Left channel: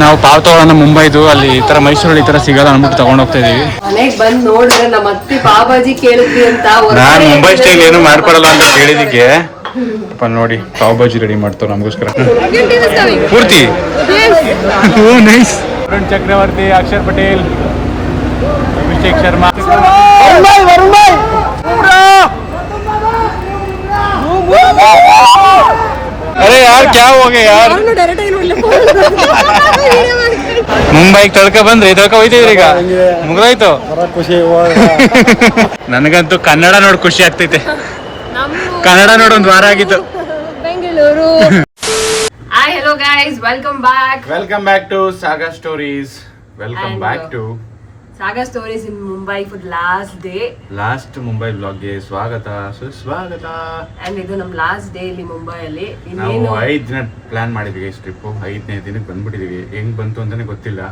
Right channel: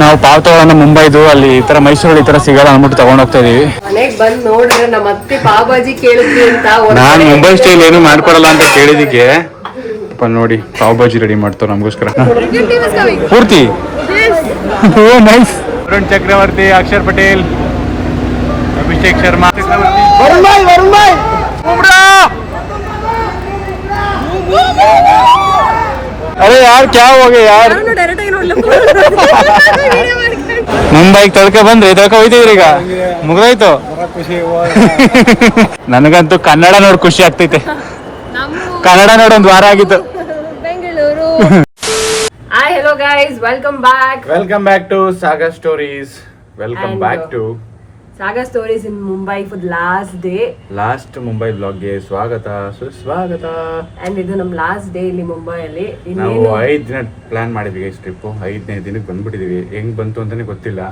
ನಾವು ಪಾವ್ ತಗೊಂಡು ಮುಂಬೈದು ಅಲ್ಲಿ ಈ ತರ ಮೈಸೂರಲ್ಲಿ ಈ ತರ ಸಿಗಲ್ಲ ಅಂದ್ಬಿಟ್ಟು ತಗೊಂಡ್ ಹೋಗ್ತಾ ಇದೀವಿ. ಮನೆಗ್ ಬಂದ್ ನೋಡಿದ್ರೆ ನಮ್ಮ ಅತ್ತಿ ಪಾವ್ ಭಾಜಿ ಕೇಳಿದ್ವಿ ಅಂತ ನಾನ್ ಮುಂಬೈ ಸ್ಟೈಲ್ ಏನು ಮಾಡ್ಕೊಡಲ್ಲ ಅಂತ ಕೇಳಿದಿಕ್ಕೆ ನೋಡಿ ಪಾವ್ ಭಾಜಿ ರೆಡಿ ಮಾಡ್ತಾವ ನಮಗೋಸ್ಕರ ಪೂರ್ತಿ. ನೈಸ್. ವರುಣ್ ಚಕ್ರವರ್ತಿ, ಅಕ್ಷರ್ ಪಟೇಲ್, ಅಭಿಷೇಕ್ ಶರ್ಮಾ, अरे यार क्या हो गया यार. ಮುಂಬೈಗೆ ತಳ್ಕ ಬಂದ್ರೆ ತಳ್ಕ ಹೋಯ್ತಿದ್ರಿ ಈಗ ಮುಗ್ದೋಯ್ತು. ನನಗಂತೂ ಕನ್ನಡ ನೋಡ್ ಖುಷಿ ಆಗ್ತೈತೆ. ಕನ್ನಡ ನೋಡ್ ಒಂದ್ ವಾರ ಆಗಿತ್ತು. Bengaluru. Hi hello guys, welcome back to saga stories. Welcome back to saga stories in Mumbai for last Mumbai ಬ್ಲಾಗ್ಗೆ ಸ್ವಾಗತ ಸುಸ್ವಾಗತ. ಅಂಡ್ ಇದು ನಮ್ ಲಾಸ್ಟ್ ಡೇ ಇಲ್ಲಿ ಮುಂಬೈಯಲ್ಲಿ. ನಾವು 5 ದಿನ ಪ್ಲಾನ್ ಮಾಡಿದ್ವಿ ಟ್ರಿಪ್. 5ನೇ ದಿನಕ್ಕೆ ಬಂದ್ಬಿಟ್ಟಿದೀವಿ. ಹೆಂಗ್ ಬಂತು ಅಂತಾನೆ ಗೊತ್ತಿಲ್ಲ.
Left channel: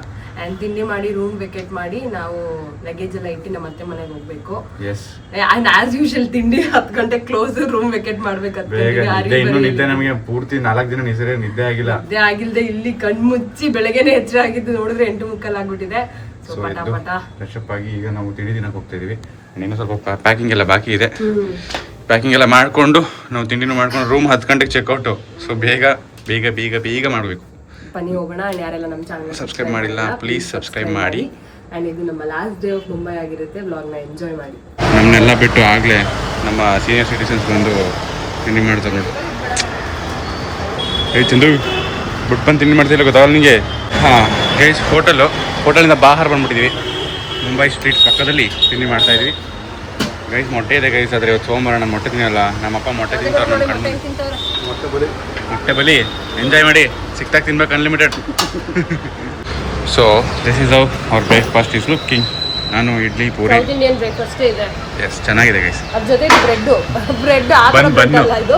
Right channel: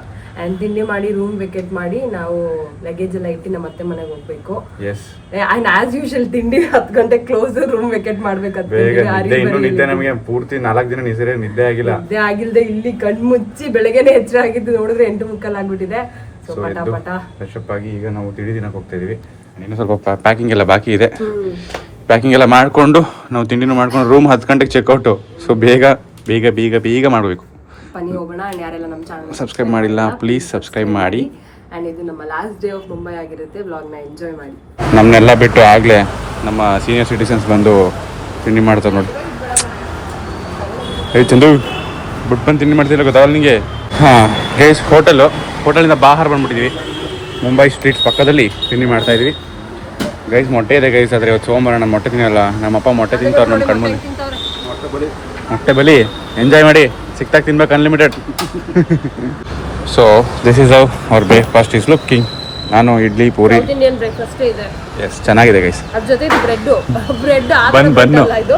ಅಂಡ್ ತಿಂಡಿ ಮಾಡಿ ರೂಮ್ ವೆಕೇಟ್ ಮಾಡಿ ನಾವು ಲಗೇಜ್ ಎಲ್ಲ ಇಟ್ಟು ನಮ್ಮ ಅತ್ತೆ ಮನೆಗೆ ಹೋಗ್ಬೇಕು. ಅಂಡ್ ಆಸ್ ಯೂಶುವಲ್ ತಿಂಡಿ 10 ಗಂಟೆ ಕ್ಲೋಸ್, ರೂಮ್ ವೆಕೇಟ್ ಮಾಡ್ಬೇಕಂತ. ಇನ್ನು ನಿದ್ದೆ ನಮಗೆ ಪೂರ್ತಿ 4 ದಿನ ನಿದ್ದೆ ಆಗಿಲ್ದೆ ಇಲ್ಲಿ ಕಣ್ ಮುಚ್ಚಿ ಬೆಳಗ್ಗೆನೆ ಎಚ್ಚರ ಆಗಿದ್ದು ನೋಡಿದ್ರೆ 8:30 ಆಗ್ಬಿಟ್ಟಿದೆ. ಫ್ರೆಶ್ ಅಪ್ ಆಗಿ ಈಗ ನಾವು ತಿಂಡಿ ದಿನಕ್ಕೆ ಹೋಗ್ತಾ ಇದೀವಿ. ಇನ್ನೂ ಸ್ವಲ್ಪ ಪ್ಯಾಕಿಂಗ್ ಎಲ್ಲ ಬಾಕಿ ಇದೆ. ಪ್ಯಾಕಿಂಗ್ ಎಲ್ಲ ಮಾಡ್ಕೊಂಡು ನಾವು ತಿಂಡಿನೂ ಮಾಡ್ಕೊಂಡು ರೂಮ್ 10 ಗಂಟೆಗೆ ಚೆಕ್ಔಟ್. ಸೊ ಬೇಗ ಬೇಗ ಬೇಗ ಬೇಗ ಮಾಡಬೇಕು. ಬನ್ನಿ ಹೋಗೋಣ. ಯಾರೆಲ್ಲ ನಮ್ಮ ಚಾನಲ್ ಸಬ್ಸ್ಕ್ರೈಬ್ ಮಾಡಿಲ್ಲ ಪ್ಲೀಸ್ ಸಬ್ಸ್ಕ್ರೈಬ್ ಮಾಡಿ. ಅಂಡ್ ಇದು ನಮ್ಮ ಲಾಸ್ಟ್ ಡೇ ಆಫ್ ಮುಂಬೈ ಆಗಿರುತ್ತೆ. ವ್ಲಾಗ್ನ ಎಂಜಾಯ್ ಮಾಡಿ. ನಮ್ಮನ್ನೆಲ್ಲ ಬಿಟ್ಟು ಆಗ್ಲೇ ನಮ್ಮ ಸೀನಿಯರ್ ಸಿಟಿಸನ್ಸ್ ಬಂದು ತಿಂಡಿ ಮಾಡ್ತಾರೆ ನೋಡಿ. ಚಂದು ಬಿಟ್ಟು ಬಂದು ತಿಂಡಿ ಮಾಡ್ತಿಲ್ಲ ಗೊತ್ತಾಗಲ್ಲ ನಿಮಗೆ. ಗೈಸ್ ಹೋಟೆಲಿಂದ ಬಾಹರ್ ಬಂದ್ಬಿಟ್ಟಿದ್ವಿ. ಮುಂಬೈ ಸ್ಟ್ರೀಟ್ ಪಕ್ಕದಲ್ಲಿ ತಿಂಡಿ ಮಾಡ್ತಾ ಇದ್ವಿ. ಗೈಸ್ ಮೊಟ್ಟೆ ಇದೆ ಗೈಸ್. ಆದರೆ ಇವತ್ತು ಸೋಮವಾರ ನಮ್ಮ ಮೊಟ್ಟೆ ತಿನ್ನಲ್ಲ. ನಮ್ಮಪ್ಪ ಮೊಟ್ಟೆ ತಿಂತಾರೆ ನಮ್ಮ ಕಣ್ಮುಂದೆ. ಮೊಟ್ಟೆ ಬಲಿ ಎಂಜಾಯ್ ಮಾಡಿ. ಸಿಕ್ತಾಗ ತಿನ್ಬೇಕು unlimited. So this is our breakfast is looking. ನಾನು ಇಡ್ಲಿ ಪೂರಿ. ಎಸ್ ಚೆನ್ನಾಗಿದೆ ಗೈಸ್.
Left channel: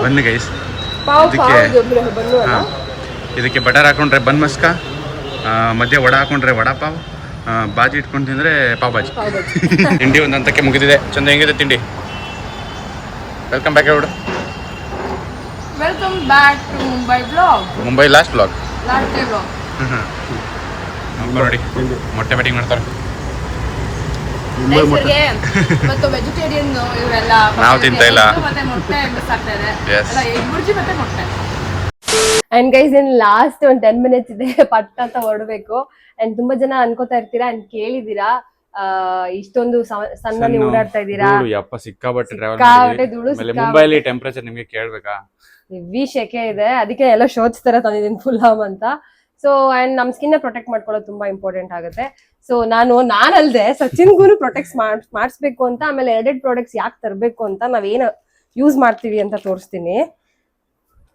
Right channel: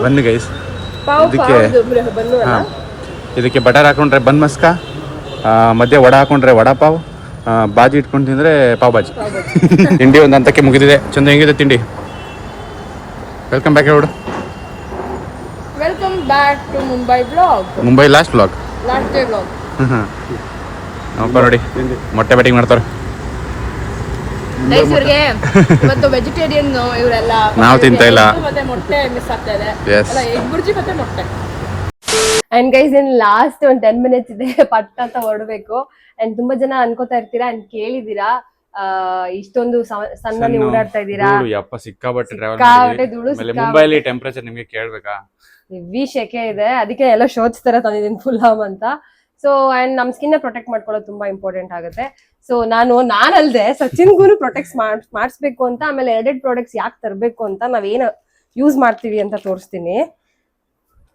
Bun guys. ಇದಕ್ಕೆ ಬಟರ್ ಹಾಕೊಂಡ್ರೆ ಬನ್ ಮಸ್ಕ, ಮಧ್ಯೆ ವಡ ಹಾಕೊಂಡ್ರೆ ವಡಾ ಪಾವ್, ಬಾಜಿ ಇಟ್ಕೊಂಡು ತಿಂದ್ರೆ ಪಾವ್ ಬಾಜಿ. ತಿಂಡಿ ಒಂದು ಹಂತಕ್ಕೆ ಮುಗಿದಿದೆ. ಚಂದ ಹೆಂಗಿದೆ ತಿಂಡಿ? ವೆಲ್ಕಮ್ ಬ್ಯಾಕ್ ನೋಡು. Welcome back to Mumbai blog. Mumbai last blog. ನೋಡಿ ಮೊಟ್ಟೆ ಬ್ಯಾಟಿಂಗ್ ಮಾಡ್ತಾರೆ. ವೆಜಿಟೇರಿಯನ್ ಇವರೆಲ್ಲ ನಾವು ತಿಂತಾ ಇಲ್ಲ. ಮೊಟ್ಟೆ ಮಿಸ್ ಆಗ್ತಾ ಇದೆ. ಎಗ್ ಬುರ್ಜಿ ಮತ್ತೆ ಮೊಟ್ಟೆ. ಅಂಡ್ ಗೈಸ್ ಇನ್ ಲಾಸ್ಟ್ ಒಂದು 10 ಮಿನಿಟ್ಸ್ ಇದೆ ಪಟ್ಟ ಅಂತ ಹೊರಡ್ಬೇಕು. ಅಂಡ್ ತುಂಬಾ ಜನ ಅನ್ಕೋತಾ ಇರ್ತೀರಾ ಅಂಡ್ ಕೇಳಿದೀರಾ ಇಷ್ಟೊಂದು ಸಣ್ಣಲ್ಲಿ ಓಡಾಡ್ತಾ ಇದ್ದೀರಾ. ಸಿಕ್ಕಾಪಟ್ಟೆ ಮುಂಬೈಲಿ ಟೆಂಪರೇಚರ್ ನಿಮ್ಗೆ ಕೇಳ್ಬೇಕಾ? ಹೆವಿ ಶೆಕೆ ಇದೆ. ಅದಕ್ಕೆ ಎಲ್ಲ ಶೋರ್ಟ್ಸ್ ತರ ತಂದಿದ್ದೀನಿ ಫುಲ್ ಹಾಮ್ ಅಂತ. ಸೊ ಅಂಡ್ ನಮ್ ಸ್ಕಿನ್ ಪ್ರೊಟೆಕ್ಟ್ ಮಾಡ್ಕೊಳ್ಳೋದು ತುಂಬಾ ಇಂಪಾರ್ಟೆಂಟ್ ಆಗುತ್ತೆ. ಸೊ ನಾನಲ್ದೆ ಸಚಿನ್ಗೂ ಪ್ರೊಟೆಕ್ಟ್ ಮಾಡಿಸ್ಬೇಕು ಅಂತ. ಆಮೇಲೆ 2 ಪ್ರಾಡಕ್ಟ್ಸ್ ಯಾಕೆ ತರಬೇಕು ಅಂತ, ನಾವೇನು ಯೂಸ್ ಮಾಡ್ತೀವಿ ಅಂತ ತೋರಿಸ್ತೀನಿ.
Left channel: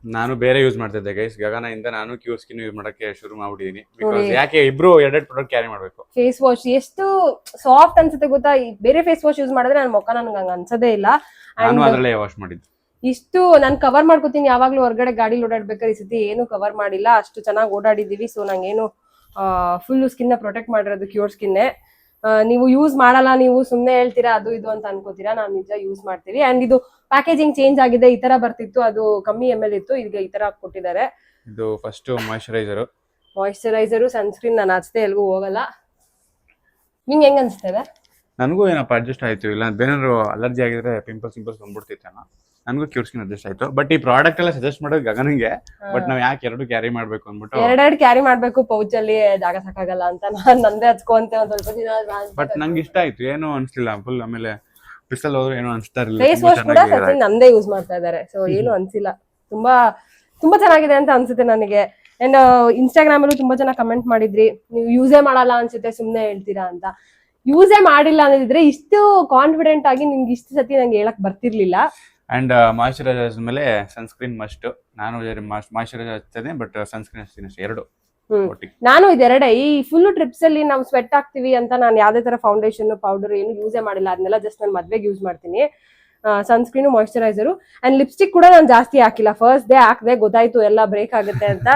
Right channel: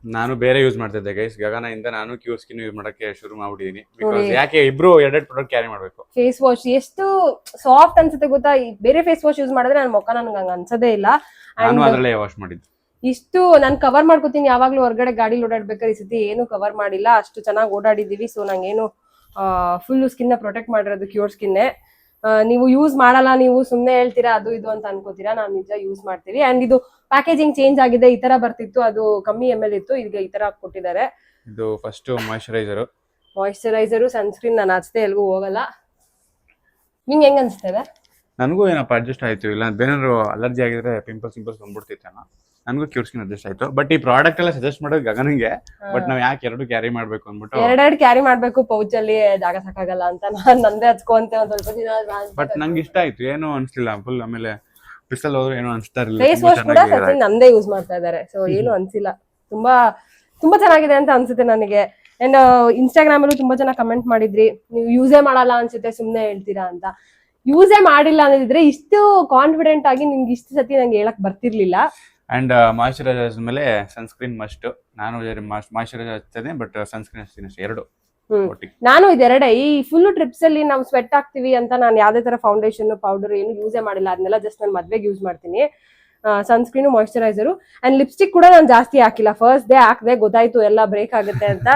ನಾನು ಬೇರೆ ಯೂಸ್ ಮಾಡ್ತಿದ್ದೆ ಗೈಸ್. ಗಗನ ನಾನು ಕ್ಯೂರ್ ಸ್ಕಿನ್ ಯೂಸ್ ಮಾಡಕ್ಕೆ ಶುರು ಮಾಡ್ಬಿಟ್ಟಿದೀನಿ. ಬಿಕಾಸ್ ಯಾಕೆ ಇಬ್ರು 2 ಪ್ರಾಡಕ್ಟ್ ಕ್ಯಾರಿ ಮಾಡ್ಬೇಕು. ಫೇಸ್ ವಾಶ್ ಎಷ್ಟು ಸಾಫ್ಟ್ ಅನ್ಸುತ್ತೆ ಗೊತ್ತಾ? ಬೇರೆ ಫೇಸ್ ವಾಶ್ ಯೂಸ್ ಮಾಡಿದ್ರೆ ನನ್ನ ಮುಖ ನನ್ಗೆ ಹಂಗ ಅನ್ಸದೇ ಇಲ್ಲ. ನಾನು ಅದರಲ್ಲೇ ವಾಶ್ ಮಾಡಿದ್ದು. ಇಷ್ಟು ನಾನು ಕವರ್ ಮಾಡ್ಕೋತೀನಿ ಯಾವಾಗ್ಲೂ. ಹೊರಗಡೆ ಗಾಡಿ ಓಡಾಡ್ಬೇಕಾದ್ರೆ ಈ ಸತಿ ಏನು ಕವರ್ ಮಾಡಿಲ್ಲ. ಅಷ್ಟು ಚೆನ್ನಾಗಿ ಓಡಾಡಿದೀವಿ. ಸೊ ನಂಗೇನು ಫುಲ್ ಸ್ಕಿನ್ ಪ್ರೊಟೆಕ್ಟ್ ಮಾಡಿರೋದು ಕ್ಯೂರ್ ಸ್ಕಿನ್ನೇ. ನೀವು ಯೂಸ್ ಮಾಡಲ್ಲ, ನೀವು ಸುಮ್ಮನೆ ಹೇಳ್ತೀರಾ ಅದು ಇದು ಅಂತ ಅನ್ಕೋತೀರಾ. ನಾನು ನಿಜ ಯೂಸ್ ಮಾಡ್ತೀವಿ. ಅಂಡ್ ಇದು ಪ್ಯಾಕೇಜಿಂಗ್ ಚೇಂಜ್ ಆಗಿದೆ. ಈ ತರ ಬರ್ತಿತ್ತು, ಅದು ಕಮ್ಮಿ ml ಇತ್ತು, ಈಗ ಈ ತರ ಕೊಟ್ಟಿದ್ದಾರೆ. ಇದು ಫಸ್ಟ್ ಮಾಯಿಶ್ಚರೈಸರ್ ಸನ್ಸ್ಕ್ರೀನ್ ನಾನು ಹಚ್ತೆ ಎಲ್ಗೂ ಹೋಗಲ್ಲ. ನಿಂಗೆ ಹೆಂಗ್ ಅನ್ಸ್ತದೆ? ನನಗೂ ಏನಪ್ಪ ಅಡ್ಜಸ್ಟ್ ಆಯ್ತು. ಇಲ್ಲ ಬೇನಾದ್ರು ಅಲರ್ಜಿ ಆಗಿದ್ರೆ ಪಿಂಪಲ್ಸ್ ಬಂದ್ಬಿಡ್ತಿತ್ತು. ನನಗೂ ಕ್ಯೂರ್ ಸ್ಕಿನ್ ಅಡ್ಜಸ್ಟ್ ಆಯ್ತು. ಬಟ್ ಈ ಪ್ರಾಡಕ್ಟ್ ಎಲ್ಲ ಸಜೆಸ್ಟ್ ಮಾಡೋದು ಗಗನಿಗೆ. ಬಟ್ ನಾವ್ ಯಾಕೆ 2 ಕ್ಯಾರಿ ಮಾಡ್ಬೇಕು ಅಂದ್ಬಿಟ್ಟು 2 ಕ್ಯಾರಿ ಮಾಡ್ಬೇಕು. ಪೌಚ್ ಅಲ್ಲಿ ಜಾಗ ಸಾಕಾಗಲ್ಲ ಅಂತ ನಾನು ನಂದೇ ಹಚ್ಕೊಂತೆ ಒಂದ್ ಸ್ವಲ್ಪ ದಿನ. ಬಟ್ ನಂಗೆ ಇಷ್ಟ ಆಯ್ತು, ಏನು ಅನ್ಸ್ಲಿಲ್ಲ ಫುಲ್. ಆಮೇಲೆ ಬಿಸಲ್ ಹೋದ್ರು ಏನೋ ಅನ್ಸ್ತಾ ಇರಲಿಲ್ಲ. ಫೇಸ್ ವಾಶ್ ಕೂಡ ಸಚಿನ್ ನಂದೇ ಯೂಸ್ ಮಾಡ್ತಾ ಇದ್ದಾರೆ. ಸೊ ಏನು ಅನ್ಸಿಲ್ಲ. ತುಂಬಾ ತುಂಬಾ ಚೆನ್ನಾಗಿದೆ ಅಂತ ಅನ್ಸುತ್ತೆ ನನಗೆ. ಅಂಡ್ ಇನ್ಸ್ಟಾಗ್ರಾಮ್ ಅಲ್ಲೂ ತುಂಬಾ ಜನ ಕಮೆಂಟ್ ಮಾಡಿದ್ರಿ, ನೀವು ಯೂಸೇ ಮಾಡಲ್ಲ ಅನ್ಸುತ್ತೆ ಸುಮ್ನೆ ಹೇಳ್ತೀರಾ ಅಂತ. ಯೂಸೇ ಮಾಡಿಲ್ಲ ಅನ್ನೋದಿದ್ರೆ ಇಷ್ಟು ಕಾನ್ಫಿಡೆಂಟ್ ಆಗಿ ನಿಮ್ಗೆ ಇಷ್ಟು ಸತಿ ನಂಗೆ ಹೇಳಕ್ ಬರ್ತಿರ್ಲಿಲ್ಲ. ಅಂಡ್ ಮಾಯಿಶ್ಚರೈಸರ್ ಮೇಲೆ ಸನ್ಸ್ಕ್ರೀನ್ ಮಸ್ಟ್. ನಾನು ಮಾಯಿಶ್ಚರೈಸರ್ ಹಚ್ತೇನೆ, ಬಟ್ ಸನ್ಸ್ಕ್ರೀನ್ ಹಚ್ತೀನಿ ಅಷ್ಟೇ. 2 ನಾನು ಇದೆರಡೆ. ಈ ಫುಲ್ ಟ್ರಿಪ್ಸ್ ಅಲ್ಲಿ ನಾವು ಸ್ವೆಟ್ ಆಗ್ತೀವಿ ಅಂತ ನಾನು ಯಾವ್ದೇ ತರ ಫೌಂಡೇಶನ್ ಪೌಡರ್ ಏನು ಯೂಸೇ ಮಾಡಿಲ್ಲ. ಅದನ್ನೆಲ್ಲ ಜಸ್ಟ್ ನಾನು ಮದ್ವೆಗೆ ಯೂಸ್ ಮಾಡ್ತೀನಿ. ಸನ್ಸ್ಕ್ರೀನು ಮಾಯಿಶ್ಚರೈಸರು ಅಂಡ್ ಲಿಪ್ಸ್ಟಿಕ್ ಕೂಡ ನಾನು ಜಾಸ್ತಿ ಹಾಕಿಲ್ಲ. ಫಸ್ಟ್ ಡೇ ಹಾಕಿದೆ, ಗೊತ್ತಾಯ್ತು ಎಲ್ಲ ಬ್ರೇಕ್ ಆಗುತ್ತೆ ಅಂತ.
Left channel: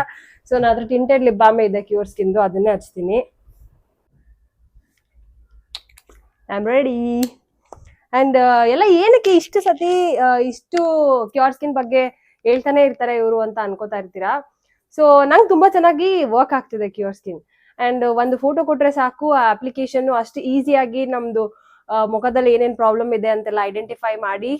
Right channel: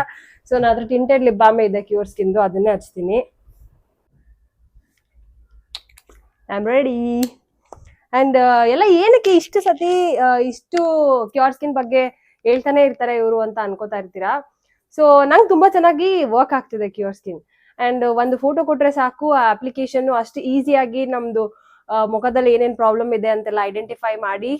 ಸೊ ನಾನು ಅದ್ರ ಟಿಂಟೆಡ್ ಲಿಪ್ ಬಾಮೆ ಇದೆ ಕ್ಯೂರ್ ಸ್ಕಿನ್, ಅದನ್ನೇ ಹಚ್ತೀನಿ. I am ready. ಅಂಡ್ ಎಲ್ಲ ಏನಕ್ಕೆ ಇಷ್ಟು ಸತಿ ಇಷ್ಟು ಕ್ಯೂರ್ ಸ್ಕಿನ್ ಬಗ್ಗೆ ಹೇಳ್ತಾನೆ ಇರ್ತಾರೆ ಇವರು ಅಂತ ಅನ್ಕೋತಾ ಇರ್ತೀರಾ. ಸೊ ನಂಗೆ ತುಂಬಾ ಚೆನ್ನಾಗಿ ವರ್ಕ್ ಆಗ್ತಿದೆ ಕ್ಯೂರ್ ಸ್ಕಿನ್. ಅಂಡ್ ಒಂದು ಫೋಟೋ ಕೊಟ್ರೆ ಸಾಕು, ಆ ಅಪ್ಲಿಕೇಶನ್ ಅಷ್ಟು ಈಸಿಯಾಗಿ ನಮ್ದು ಮುಖದಲ್ಲಿ ಏನೇನ್ ಪ್ರಾಬ್ಲಮ್ ಇದೆ ಅಂತೆಲ್ಲ ಐಡೆಂಟಿಫೈ ಮಾಡಿ